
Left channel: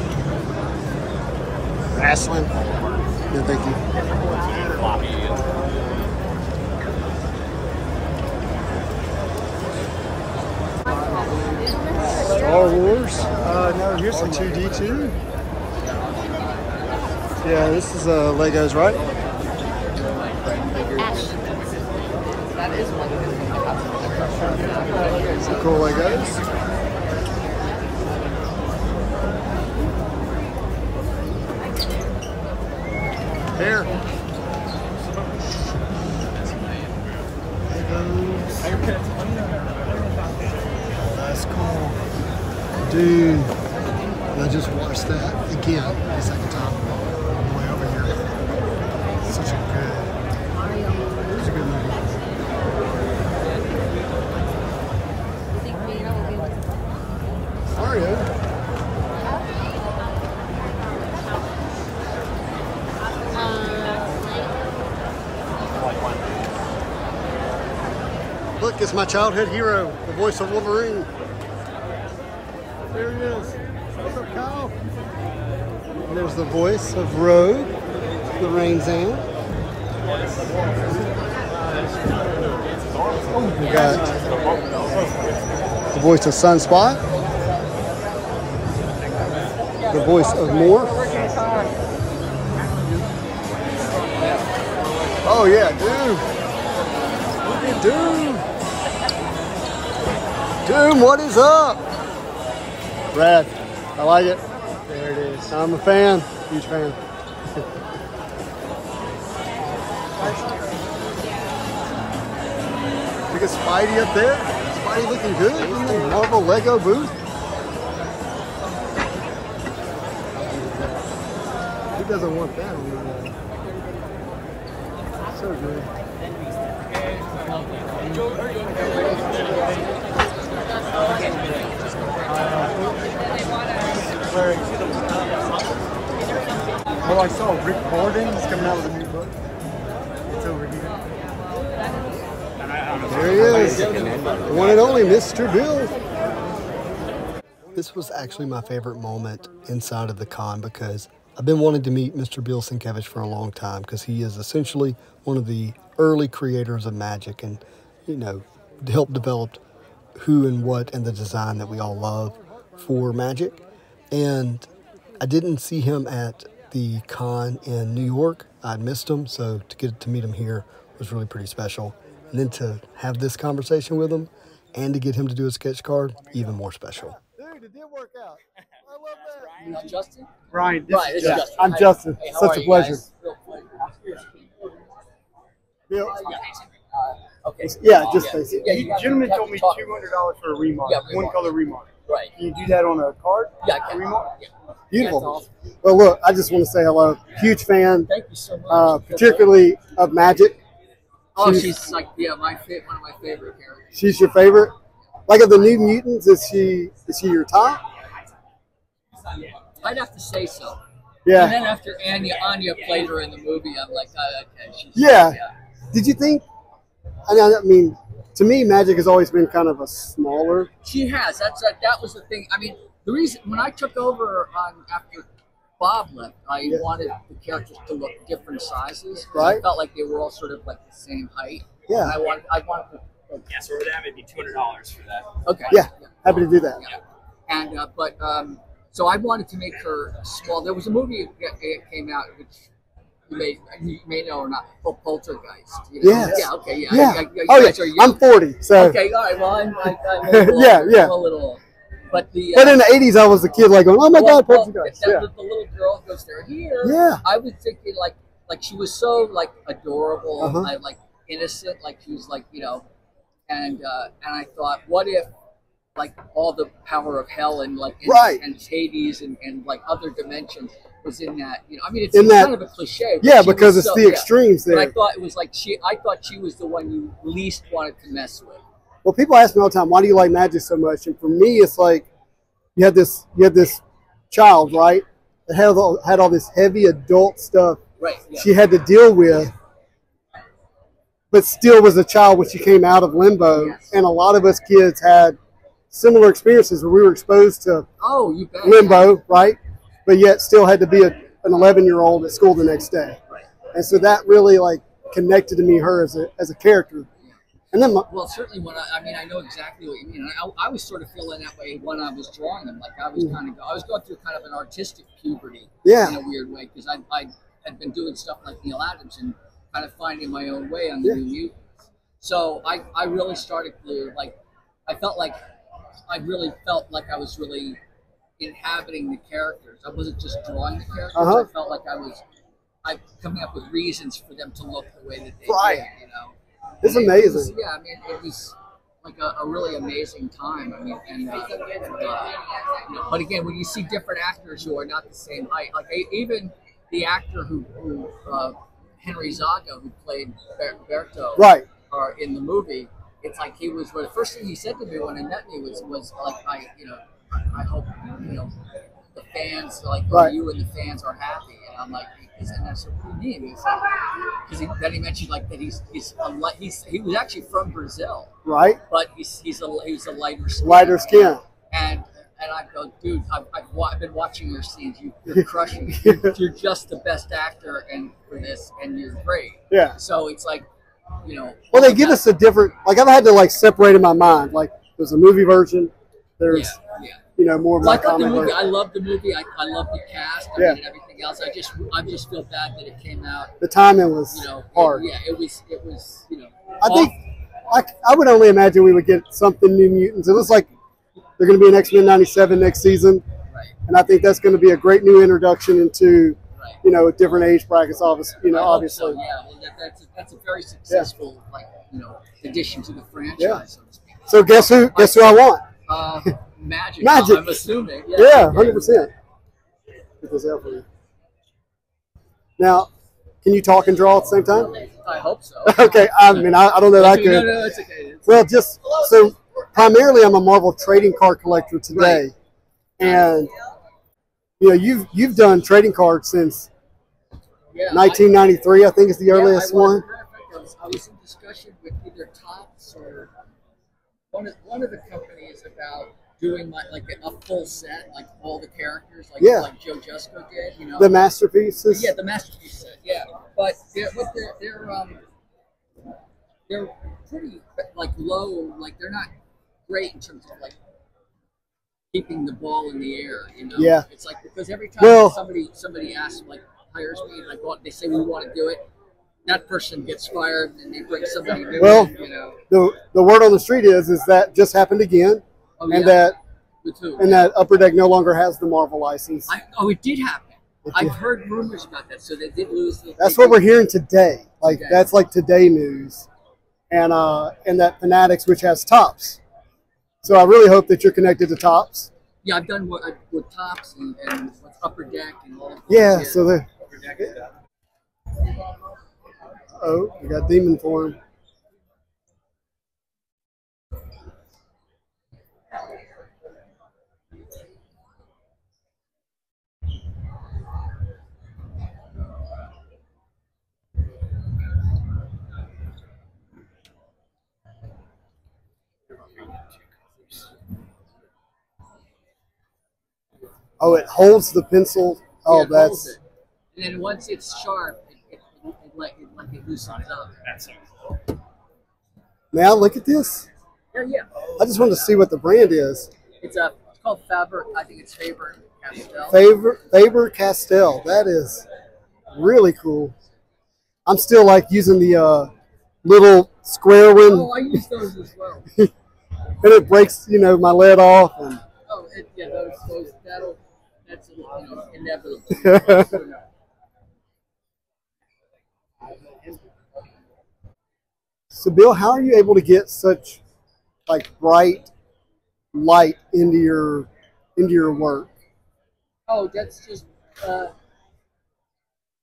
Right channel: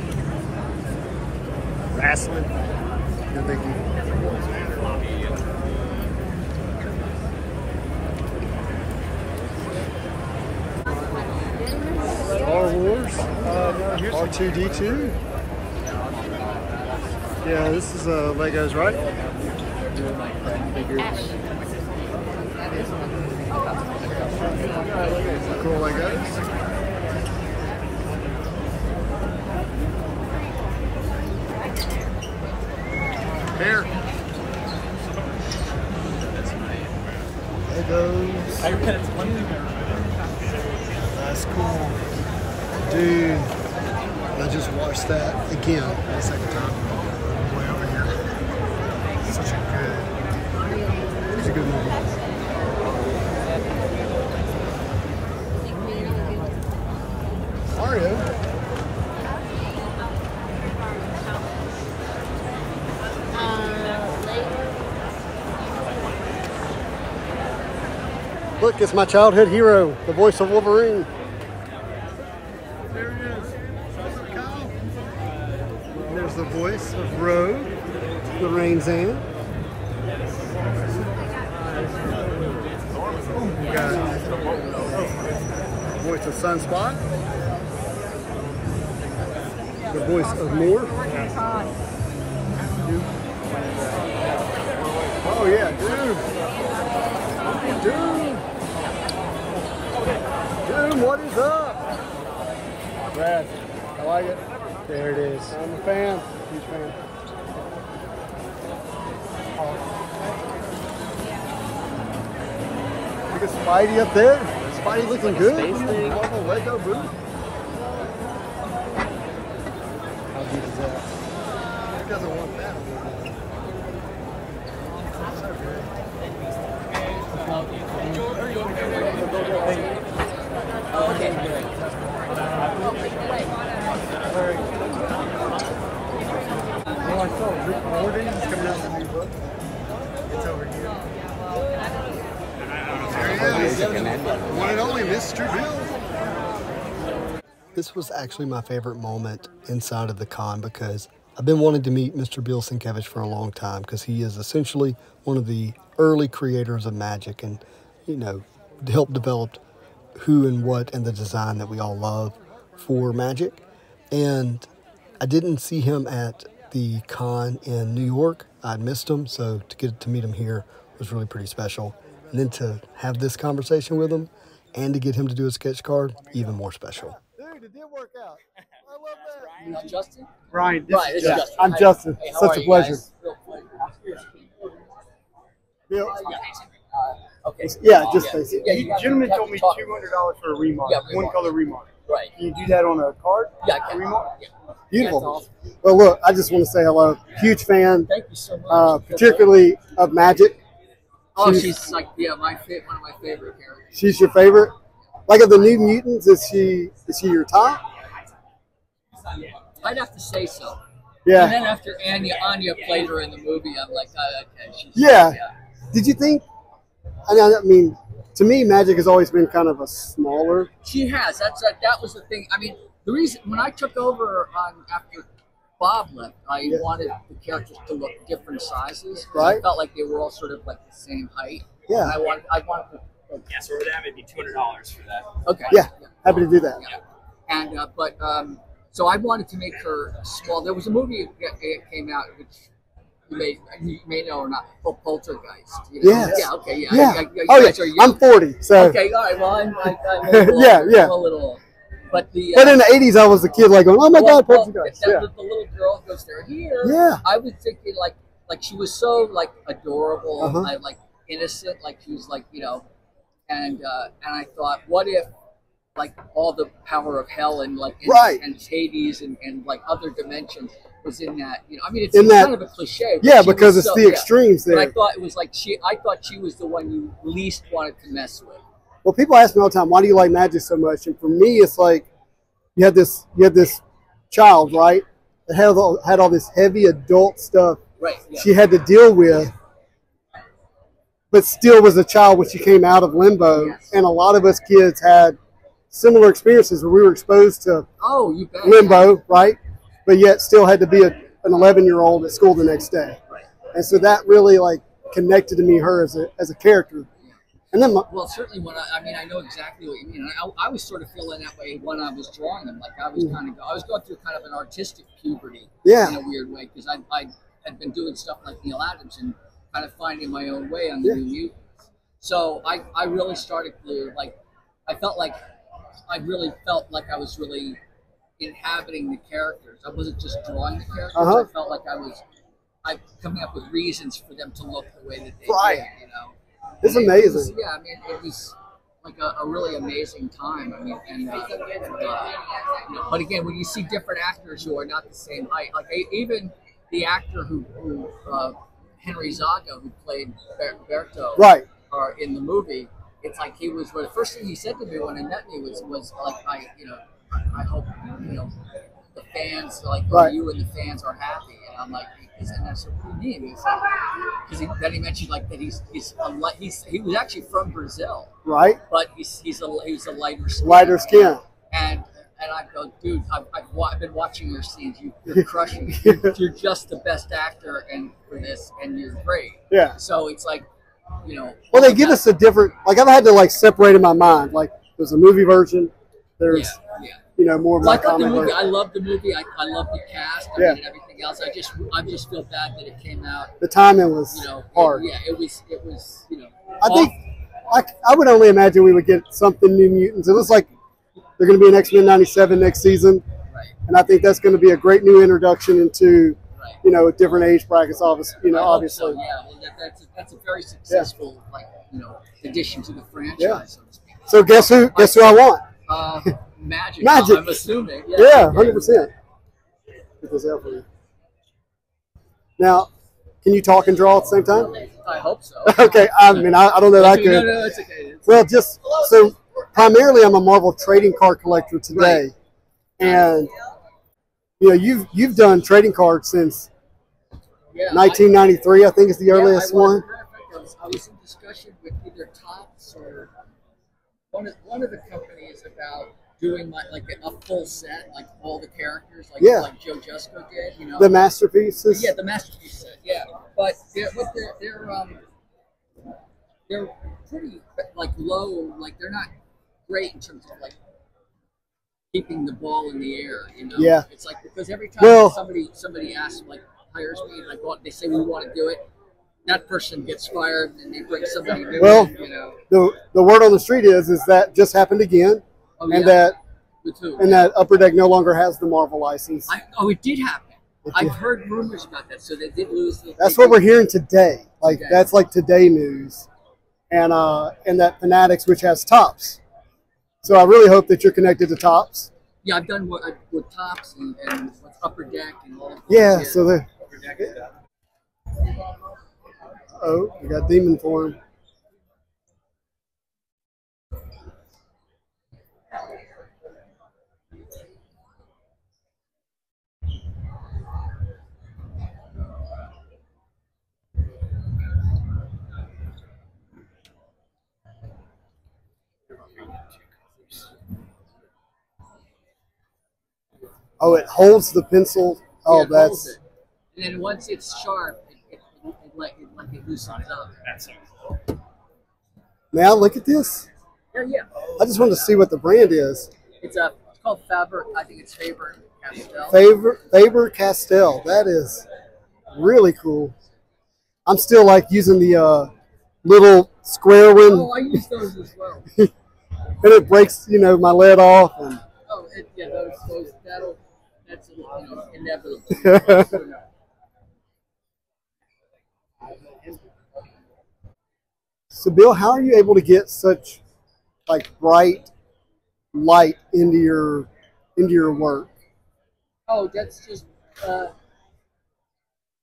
Wrestling. No, thank you. Star Wars. R2-D2. Yeah, this is Legos, right? Some cool Legos. Here. Legos. That's cool. Dude, I just watched that again for the second time. Way over here. Such a good movie. Mario. Look, it's my childhood hero, the voice of Wolverine. There he is. What's up, Kyle? And there's the voice of Rogue, Lorraine Zan. We got the voice of Sunspot, the voice of Morph. Oh yeah, Doom. Look at Doom. Doom, what is up? Rad. I like it. There it is. I'm a fan. Huge fan. Look at Spidey up there. Spidey looking good in the Marvel Lego booth. Who doesn't want that? So good. Oh, I saw Rick Gordon's coming out with a new book. It's over here. There he is. The one and only Mr. Bill. This was actually my favorite moment inside of the con because I've been wanting to meet Mr. Bill Sienkiewicz for a long time because he is essentially one of the early creators of Magic and, you know, helped develop who and what and the design that we all love for Magic. And I didn't see him at the con in New York. I missed him, so to get to meet him here was really pretty special. And then to have this conversation with him and to get him to do a sketch card, even more special. Dude, it did work out. I love that. Justin? Ryan, Right, this is Justin. I'm Justin. Hey, how Such are a you pleasure. guys? Bill, Okay. Yeah, just basic. Yeah, The gentleman told me $200 for a remodel, Yeah, one color remodel. Right. Can you do that on a card? Yeah, I can. Remodel? beautiful. Well, look, I just want to say hello. Huge fan, Thank you so much. particularly of Magic. Oh, she's like, yeah, one of my favorite characters. She's your favorite? Like of the New Mutants, is she your top? I'd have to say so. Yeah. And then after Anya played her in the movie, I'm like, oh, okay, she's Yeah. Did you think? I mean, to me, Magic has always been kind of a smaller. She has. That was the thing. I mean, the reason when I took over after Bob left, I wanted the characters to look different sizes. Right. I felt like they were all sort of like the same height. Yeah. And I wanted to. Yeah, so for that, it'd be $200 for that. Okay. Yeah. Happy to do that. Yeah. And so I wanted to make her small. There was a movie that came out which you may know or not, called Poltergeist. You know? Yes. Yeah. Okay. Yeah. Yeah. You Oh guys yeah. are young. I'm 40, so. Okay. All right. Well, I'm a little, Yeah. I'm a little old. But the But in the 80s, I was a kid, like going, "Oh my God, Poltergeist!" The Yeah. little girl goes there. Here, Yeah. I was thinking like she was so like adorable, like innocent, like she was like and I thought, what if like all the power of hell and like and Hades and like other dimensions was in that? I mean, it's kind of a cliche. Yeah, because it's the extremes there. But I thought it was like I thought she was the one you least wanted to mess with. Well, people ask me all the time, why do you like Magic so much? And for me, it's like you had this child, right, that had all this heavy adult stuff Right. Yeah. she had to deal with, but still was a child when she came out of limbo. Yes. And a lot of us kids had similar experiences where we were exposed to You bet. limbo, right, but yet still had to be an 11-year-old at school the next day. Right. And so that really like connected to me, her as a character. And then Well, certainly when I know exactly what you mean. I was sort of feeling that way when I was drawing them. Like I was going through kind of an artistic puberty in a weird way because I had been doing stuff like Neil Adams and kind of finding my own way on the New Mutants. So I really started to I really felt like I was really inhabiting the characters. I wasn't just drawing the characters. I felt like I was coming up with reasons for them to look the way that they did. It's amazing. It was like a really amazing time. I mean, but again, when you see different actors who are not the same height, like even the actor who Henry Zaga, who played Berto, Right. In the movie, it's like he was. Well, the first thing he said to me when he met me was like I hope the fans you and the fans are happy, and I'm like. And I said, "What do you mean?" Because then he mentioned like that he was actually from Brazil, Right. but he's a lighter skin. Lighter skin. And I go, dude, I've been watching your scenes. You're crushing it. You're just the best actor for this, and you're great. Yeah. So it's like, Well, they give us a different. Like I've had to separate in my mind. Like there's a movie version. There's more of my comic the movie. version. I love the movie. I love the cast. I mean, and everything else. I just feel bad that it came out. The timing was hard. It was. I think I would only imagine we would get something New Mutants. It looks like they're going to be an X-Men 97 next season, and I think that's going to be a great new introduction into different age brackets. Obviously, obviously. So, yeah, well, that's a very successful addition to the franchise. So to speak. So guess who I want? Magic. Magic. I'm assuming. Yeah, 100%. Get this out for you. Now, can you talk and draw at the same time? I hope so. Okay, I mean, I don't know that good. No, it's okay. Well, so primarily I'm a Marvel trading card collector today, and you've done trading cards since 1993. I think is the earliest one. I was in discussion with either Topps or one of the companies about doing a full set, like all the characters, like Joe Jusko did, The masterpieces. Yeah, the masterpiece set. Yeah, but they're pretty low. Like they're not great in terms of keeping the ball in the air. Yeah. It's because every time somebody asks, hires me, they say we want to do it. That person gets fired, and they bring somebody new. Well, the word on the street is that just happened again. And that Upper Deck no longer has the Marvel license. It did happen. I've heard rumors about that. So they did lose. That's what we're hearing today. That's today news, and that Fanatics, which has Topps. So I really hope that you're connected to Topps. Yeah, I've done with Topps and with Upper Deck and all. Yeah, so the. Oh, we got Demon Form. Oh, it holds the pencil. Oh, Yeah, it holds that's. it. And then once it's sharp, it loosens up. That's so cool. Now look at this. Yeah. I just wanted to see what the brand is. It's called Faber. I think it's Faber Castell. Faber Castell. That is really cool. I'm still like using the little square one, Oh, I use those as well. and it breaks, you know, my lead off. And Oh, yeah, that's inevitable. So, Bill, how are you able to get such like bright light into your work? Oh, that's just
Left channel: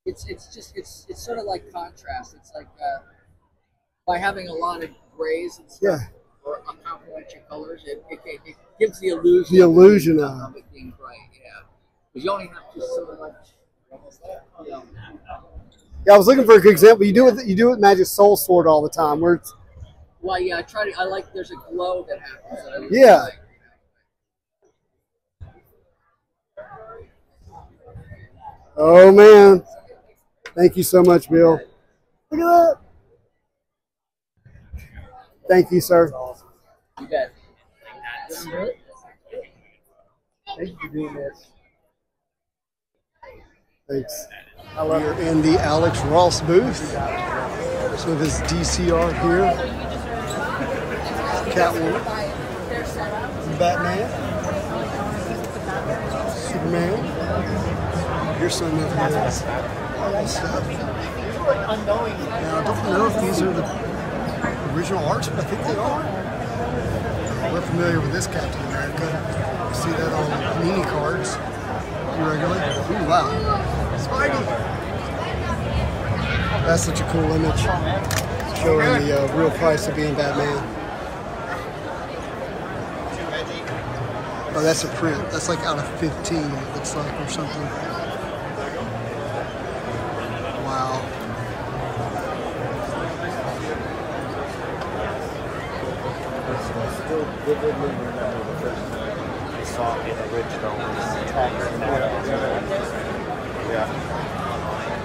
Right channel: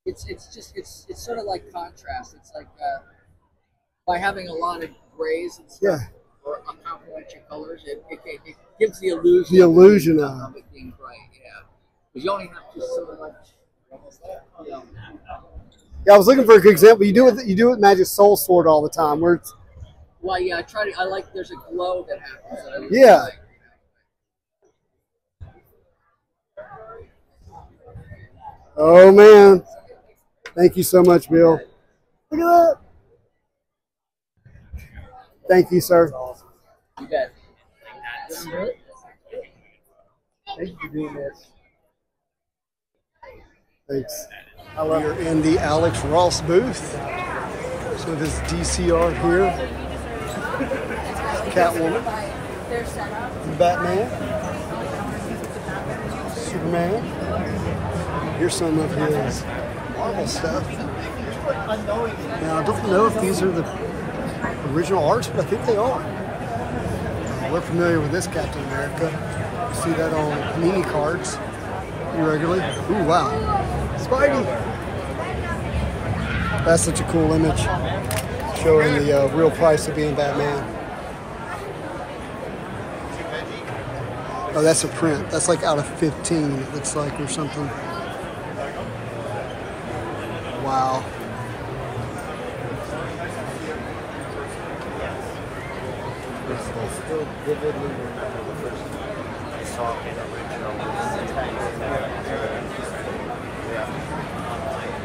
it's sort of like contrast. It's like by having a lot of grays and stuff, Yeah. or complementary colors, it gives the illusion. The illusion of it being bright. Yeah, because you only have to so much. You know, Yeah, I was looking for a good example. You do it with Magic Soul Sword all the time, where it's well, yeah, I like. There's a glow that happens. That I really Yeah. like. oh man. Thank you so much, Bill. Look at that. Thank you, sir. You bet. Thank you for doing this. Thanks. We're in the Alex Ross booth. So this DCR here. Catwoman. Batman. Superman. Here's some of his Marvel stuff. Now, I don't know if these are the original arts, but I think they are. We're familiar with this Captain America. See that on mini cards regularly. Ooh, wow. Spidey. That's such a cool image. Showing the real price of being Batman. Oh, that's a print. That's like out of 15, it looks like, or something. Wow. Still vividly remember the first time I saw it original.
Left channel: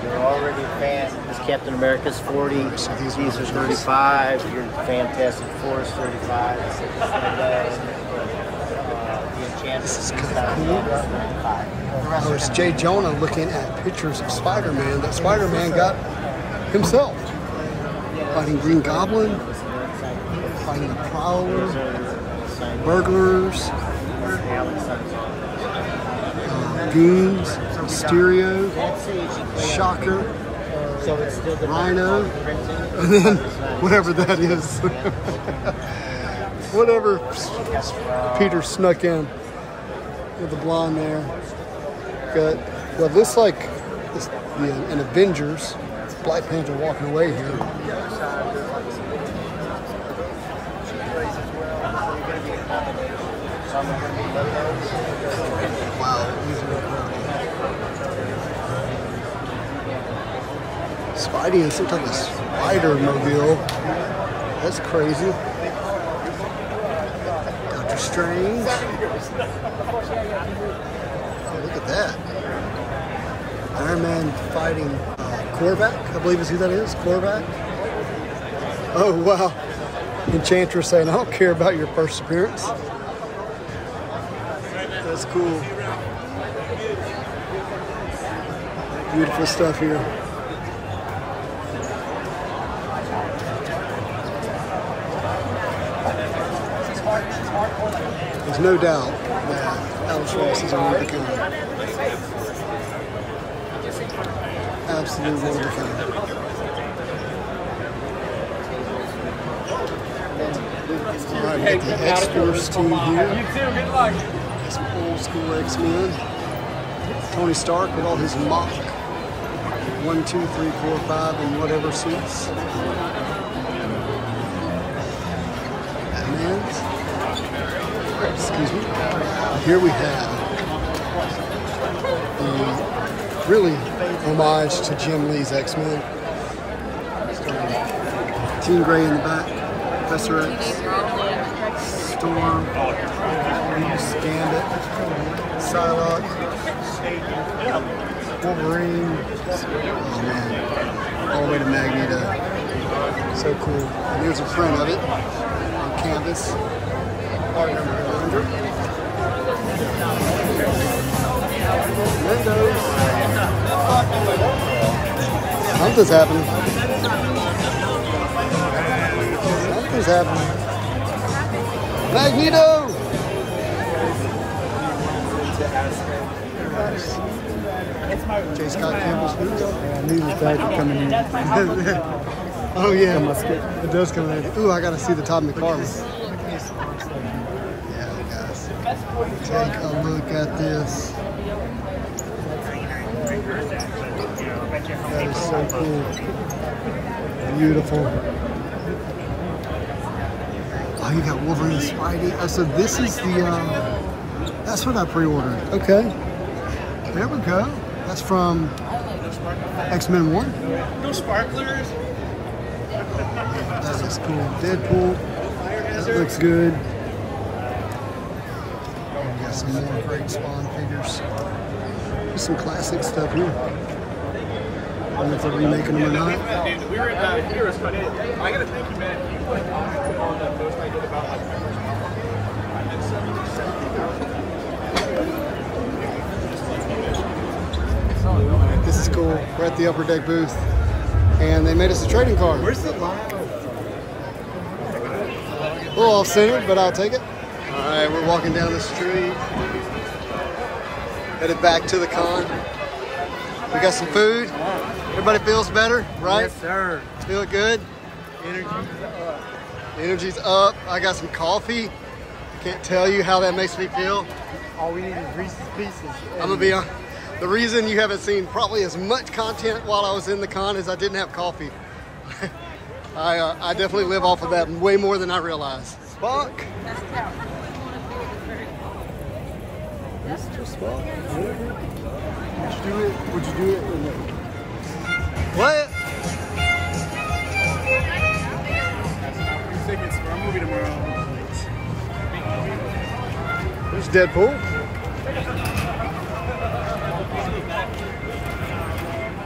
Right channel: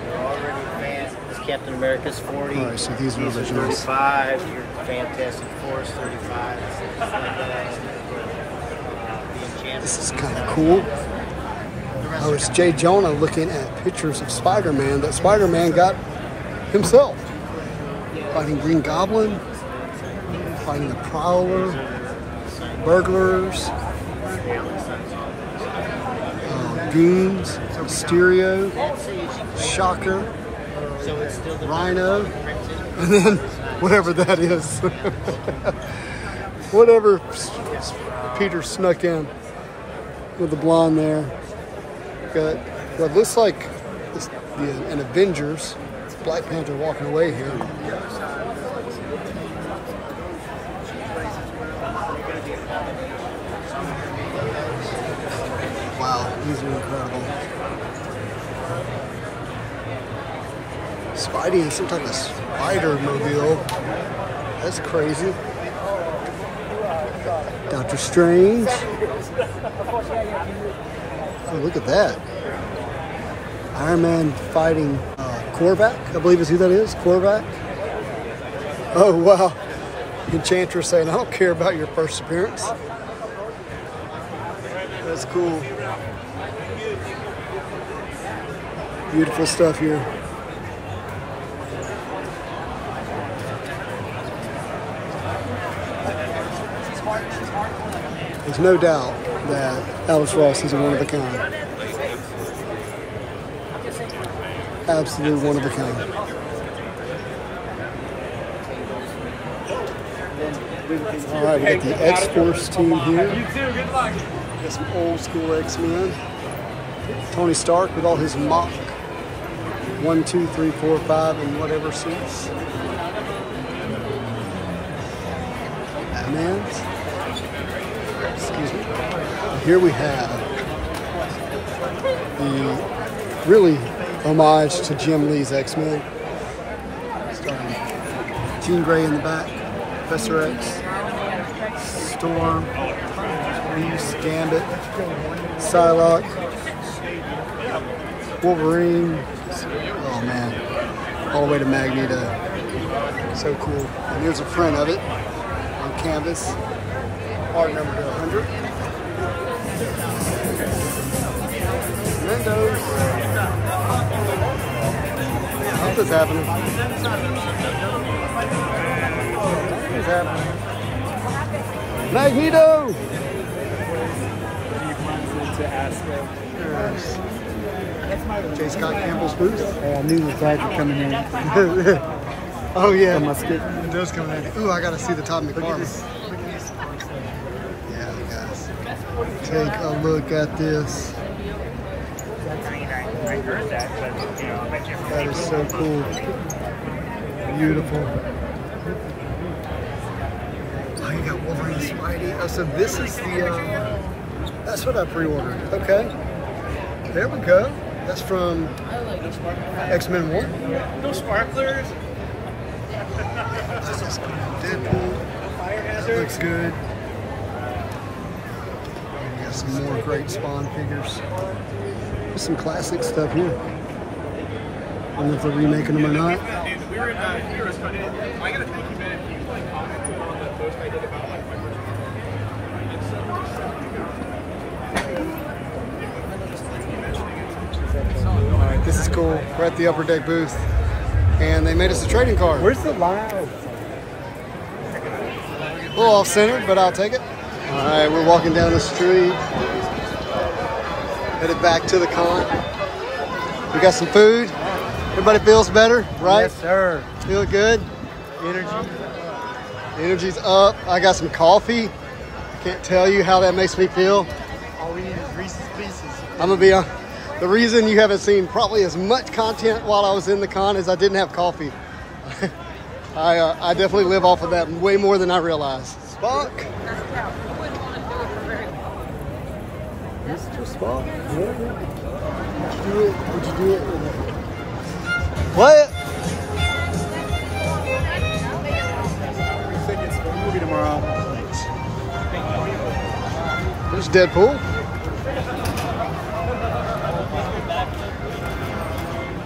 You're already a fan. This Captain America's 40. All right, so these are are originals. 35. Your Fantastic Four is 35. This is kind of cool. Oh, it's Jay Jonah looking at pictures of Spider-Man that Spider-Man got himself. Fighting Green Goblin, fighting the Prowler, burglars, goons, Mysterio, Shocker, Rhino, and then whatever that is. Whatever Peter snuck in with the blonde there. Got what looks like an Avengers. Black Panther walking away here. Wow, these are incredible. Spidey in some type of spider mobile. That's crazy. Doctor Strange. Oh, look at that. Iron Man fighting Korvac, I believe is who that is. Korvac. Oh, wow. Enchantress saying, I don't care about your first appearance. That's cool. Beautiful stuff here. There's no doubt that Alex Ross is a one of a kind. Absolute one of a kind. All right, we got the X-Force team here. Got some old school X-Men. Tony Stark with all his mock 1, 2, 3, 4, 5 and whatever suits. Batman. Excuse me. And here we have the really homage to Jim Lee's X-Men. Starting Jean Grey in the back, Professor X, Storm, Beast, Gambit, Psylocke, Wolverine. Oh man, all the way to Magneto. So cool. And there's a print of it on canvas. Art number 100. Mendo's. Something's happening. Something's happening. Magneto! J. Scott Campbell's booth. I knew the tag would come in here. Oh yeah, it does come in. Ooh, I gotta see the Todd McFarlane. Yeah, guys, take a look at this. That is so cool. Beautiful. Oh, you got Wolverine Spidey. Oh, so this is the, that's what I pre-ordered. Okay. There we go. That's from X-Men 1. This is cool. Deadpool. That looks good. And we got some more great Spawn figures. There's some classic stuff here. I don't know if they're remaking them or not. Alright, this is cool. We're at the Upper Deck booth. And they made us a trading card. Where's the line? We're all centered, but I'll take it. Alright, we're walking down the street. Headed back to the con. We got some food. Everybody feels better, right? Yes, sir. Feel good? Energy's up. Energy's up. I got some coffee. I can't tell you how that makes me feel. All we need is Reese's Pieces. I'm gonna be on. The reason you haven't seen probably as much content while I was in the con is I didn't have coffee. I definitely live off of that way more than I realize. Spock. Mr. Spock. Would you do it? Would you do it? What? Free tickets for a movie tomorrow. There's Deadpool.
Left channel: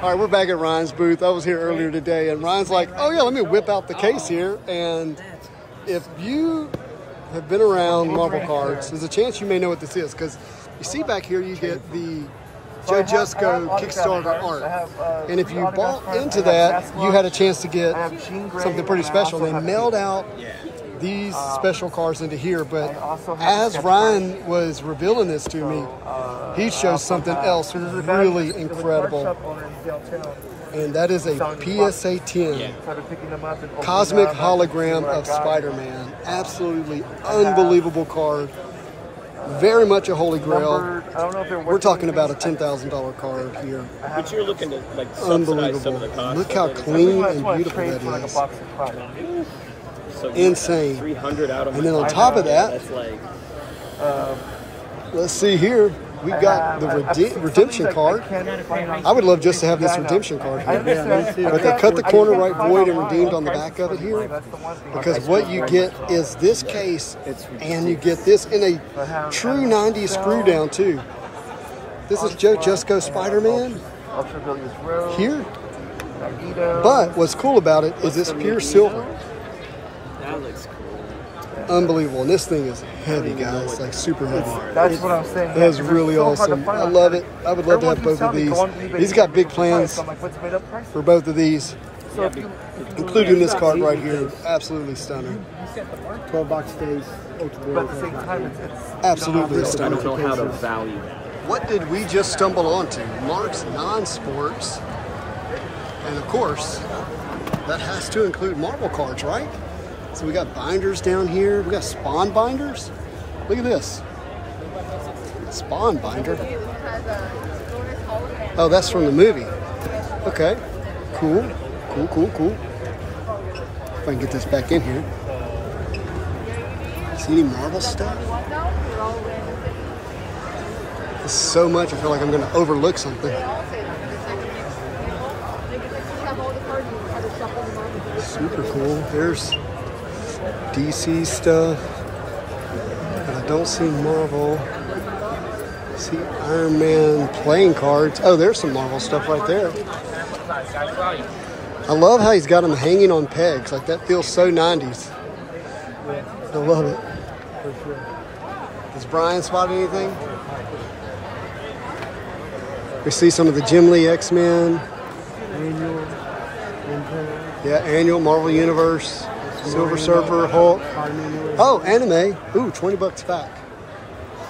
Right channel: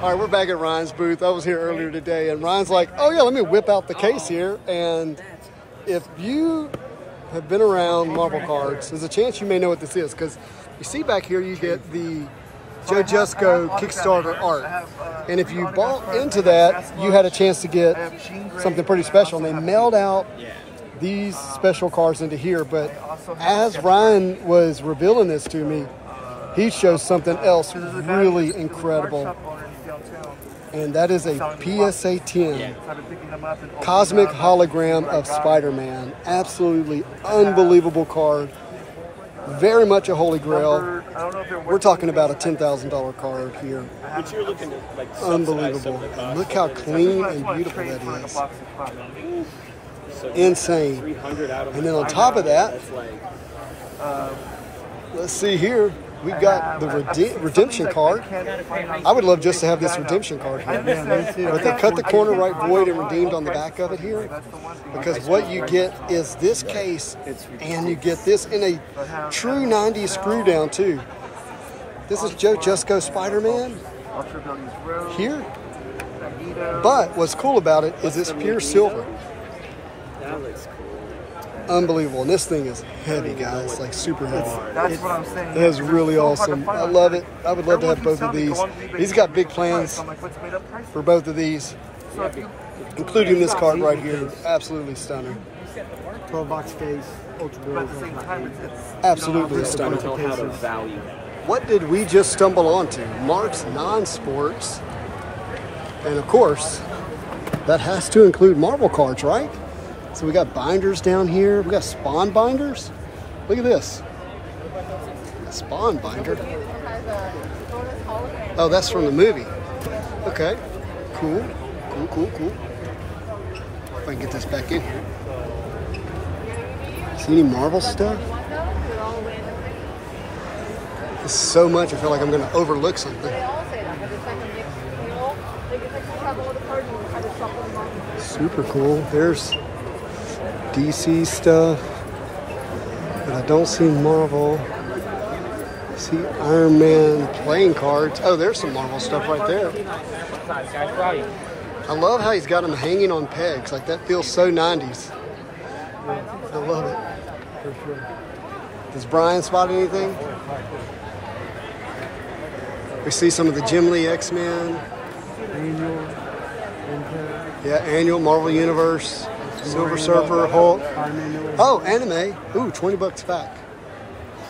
All right, we're back at Ryan's booth. I was here earlier today, and Ryan's like, oh yeah, let me whip out the case here. And if you have been around Marvel cards, there's a chance you may know what this is, because you see back here, you get the Joe Jusko Kickstarter art. And if you bought into that, you had a chance to get something pretty special. And they mailed out these special cards into here. But as Ryan was revealing this to me, he shows something else really incredible. And that is a PSA 10 Cosmic Hologram of Spider-Man. Absolutely unbelievable card. Very much a holy grail. We're talking about a $10,000 card here. But you're looking to like unbelievable. Look how clean and beautiful that is. So insane. 300 out of and then on top of that, that's like, let's see here. We've got the redemption card. I would love just to have this redemption card here. But they cut the corner right void and redeemed on the back of it here. Because what you get is this case, and you get this in a true 90s screw down too. This is Joe Jusko Spider-Man here. But what's cool about it is it's pure silver. that looks cool. Unbelievable. And this thing is heavy, guys, like super heavy. That's what I'm saying. That is really awesome. I love it. I would love to have both of these. He's got big plans for both of these, including this card right here. Absolutely stunning. 12-box case, ultra bills. Absolutely I don't stunning. know how to value that. What did we just stumble onto? Mark's Non-Sports. And of course, that has to include Marvel cards, right? So we got binders down here. We got Spawn binders. Look at this. Spawn binder. Oh, that's from the movie. Okay. Cool. Cool, cool, cool. If I can get this back in here. See any Marvel stuff? There's so much, I feel like I'm going to overlook something. Super cool. There's DC stuff. Don't see Marvel. See Iron Man playing cards. Oh, there's some Marvel stuff right there. I love how he's got them hanging on pegs. Like, that feels so 90s. I love it. For sure. Does Brian spot anything? We see some of the Jim Lee X-Men. Annual. Yeah, Annual, Marvel Universe, Silver Surfer, Hulk. Oh, anime. Ooh, $20 back.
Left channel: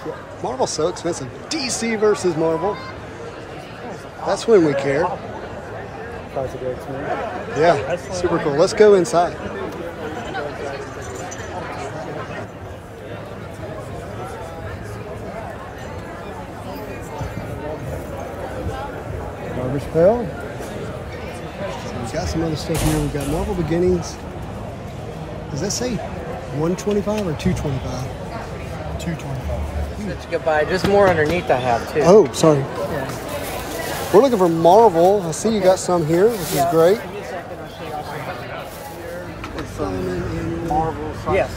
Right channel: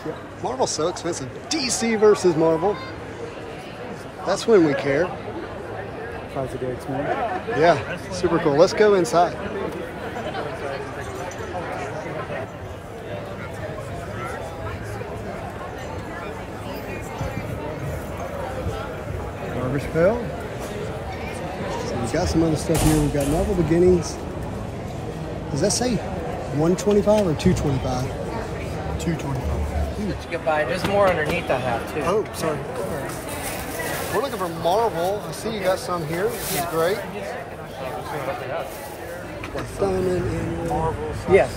Yeah. Marvel's so expensive. DC versus Marvel. That's when we care. Yeah, super cool. Let's go inside. Garbage Pail. So we got some other stuff here. We've got Marvel Beginnings. Does that say 125 or 225? 225. That's a good buy. There's more underneath I have too. Oh, sorry. We're looking for Marvel. I see you got some here, which is great. Diamond Annual. Marvel. Yes.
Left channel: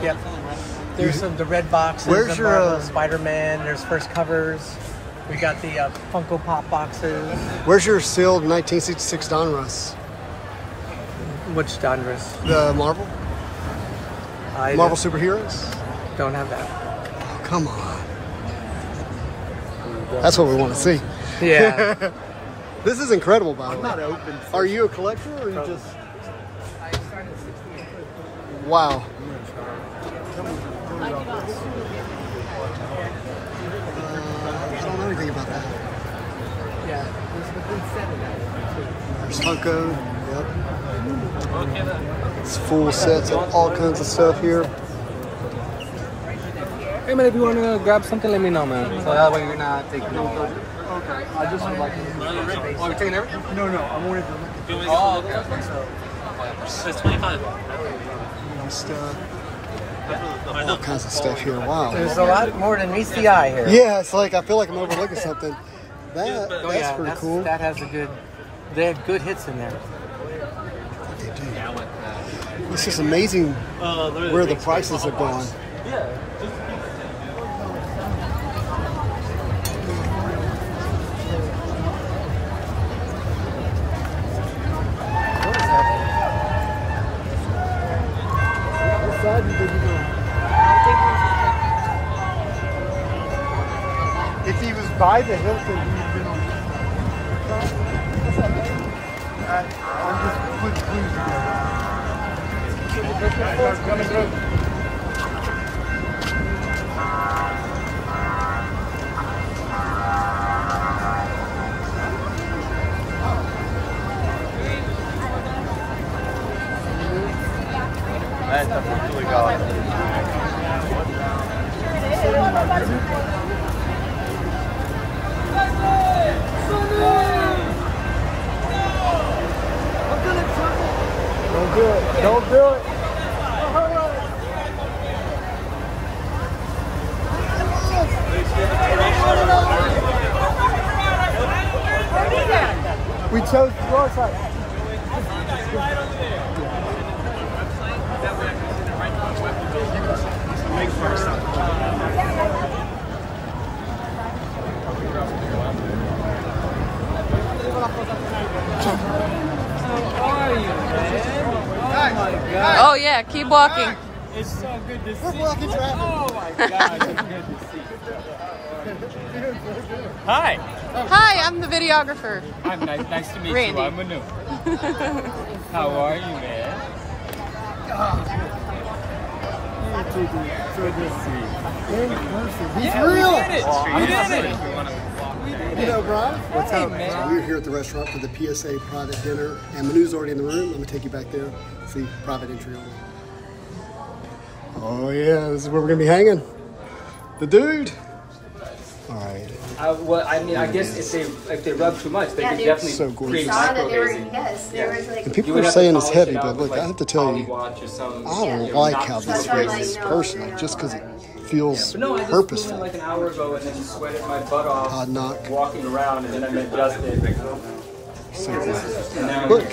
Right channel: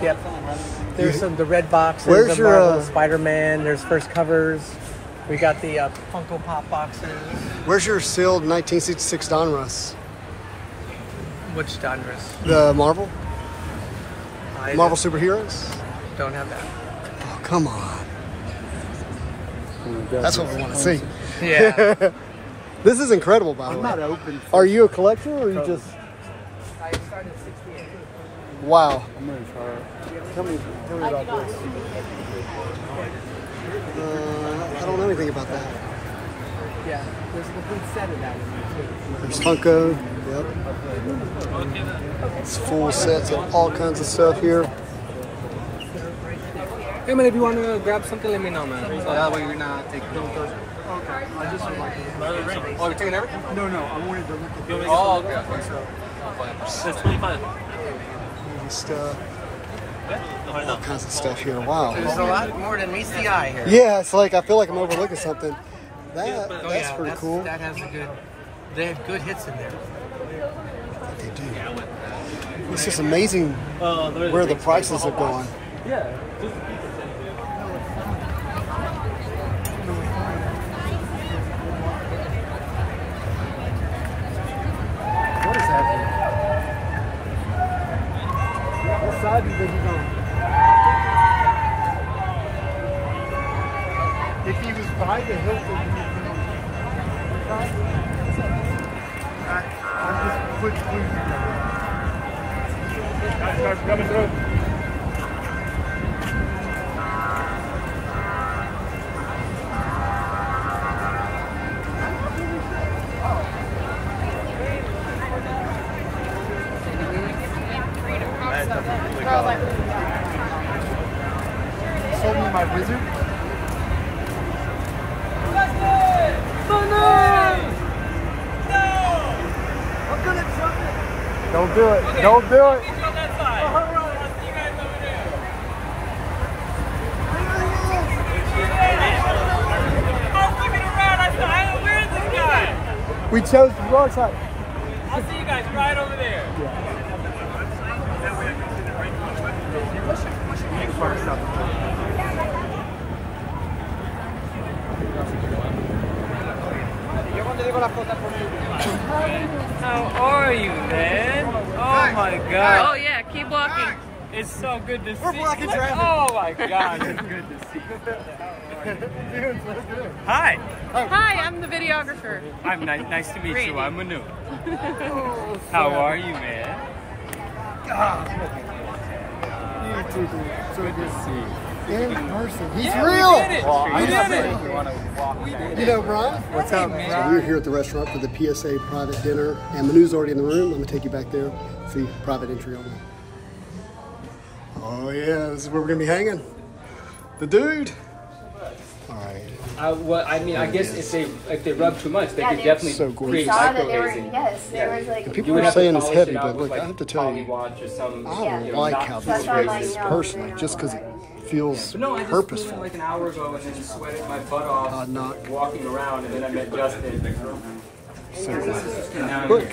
Yep. There's some the red boxes. Where's your Spider-Man? There's first covers. We got the Funko Pop boxes. Where's your sealed 1966 Donruss? Which Donruss? The Marvel? Marvel Superheroes? Don't have that. Oh, come on. That's what we want to see. Yeah. This is incredible, by the way. Are you a collector or are you just... Wow. I don't know anything about that. There's Funko. Yep. It's full sets of all kinds of stuff here. Hey man, if you want to grab something, let me know, man. So that way you're not taking photos. Okay, I just would like to look at everything. Oh, you're taking everything? No, I wanted to look at it. Oh, okay. Stuff. All kinds of stuff here. Wow. There's a lot more than meets the eye here. Yeah, it's like I feel like I'm overlooking something. That's pretty cool. That has they have good hits in there. They do. It's just amazing where the prices are going. Yeah. What side did you go? If he was by the hilt, then he'd been on what side? I'm just put things together. My wizard. I'm gonna trouble. Don't do it. Don't do it. We chose the wrong side. You guys right over there. Make first up. How are you, man? Oh my God. Oh yeah, keep walking. It's so good to see you. We're blocking traffic. Oh my God, it's good to see you. Hi. Hi, I'm the videographer. I'm nice to meet Randy. you. I'm Manu. How are you, man? You too, dude. So good to see you. In person. He's Yeah, real. We did it. You know, Brian? What's up? So we're here at the restaurant for the PSA private dinner, and Manu's already in the room. I'm gonna take you back there. See, private entry only. Oh yeah, this is where we're gonna be hanging. The dude. All right. Well, I mean, I guess if they rub too much, they could definitely so create micro-hazing. And people are saying it's heavy, but look, I have to tell you, I don't like how this feels personally, just because it feels But no, I just purposeful. flew in like an hour ago and then sweated my butt off Knock. walking around, and then I'm adjusted. Look.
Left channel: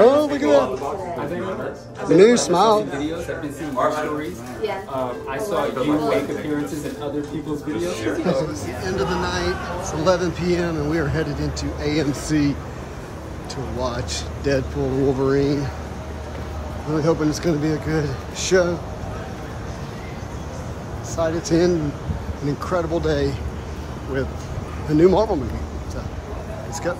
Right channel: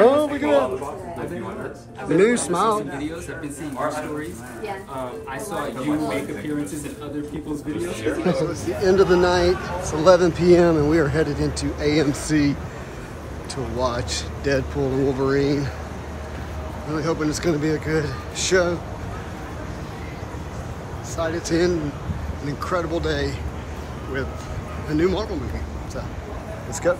Oh, look at that. The new smile. Videos. I've been seeing your stories. Yeah. I saw you make appearances in other people's videos. It's the end of the night. It's 11 p.m. and we are headed into AMC to watch Deadpool and Wolverine. Really hoping it's going to be a good show. Excited to end an incredible day with a new Marvel movie. So, let's go.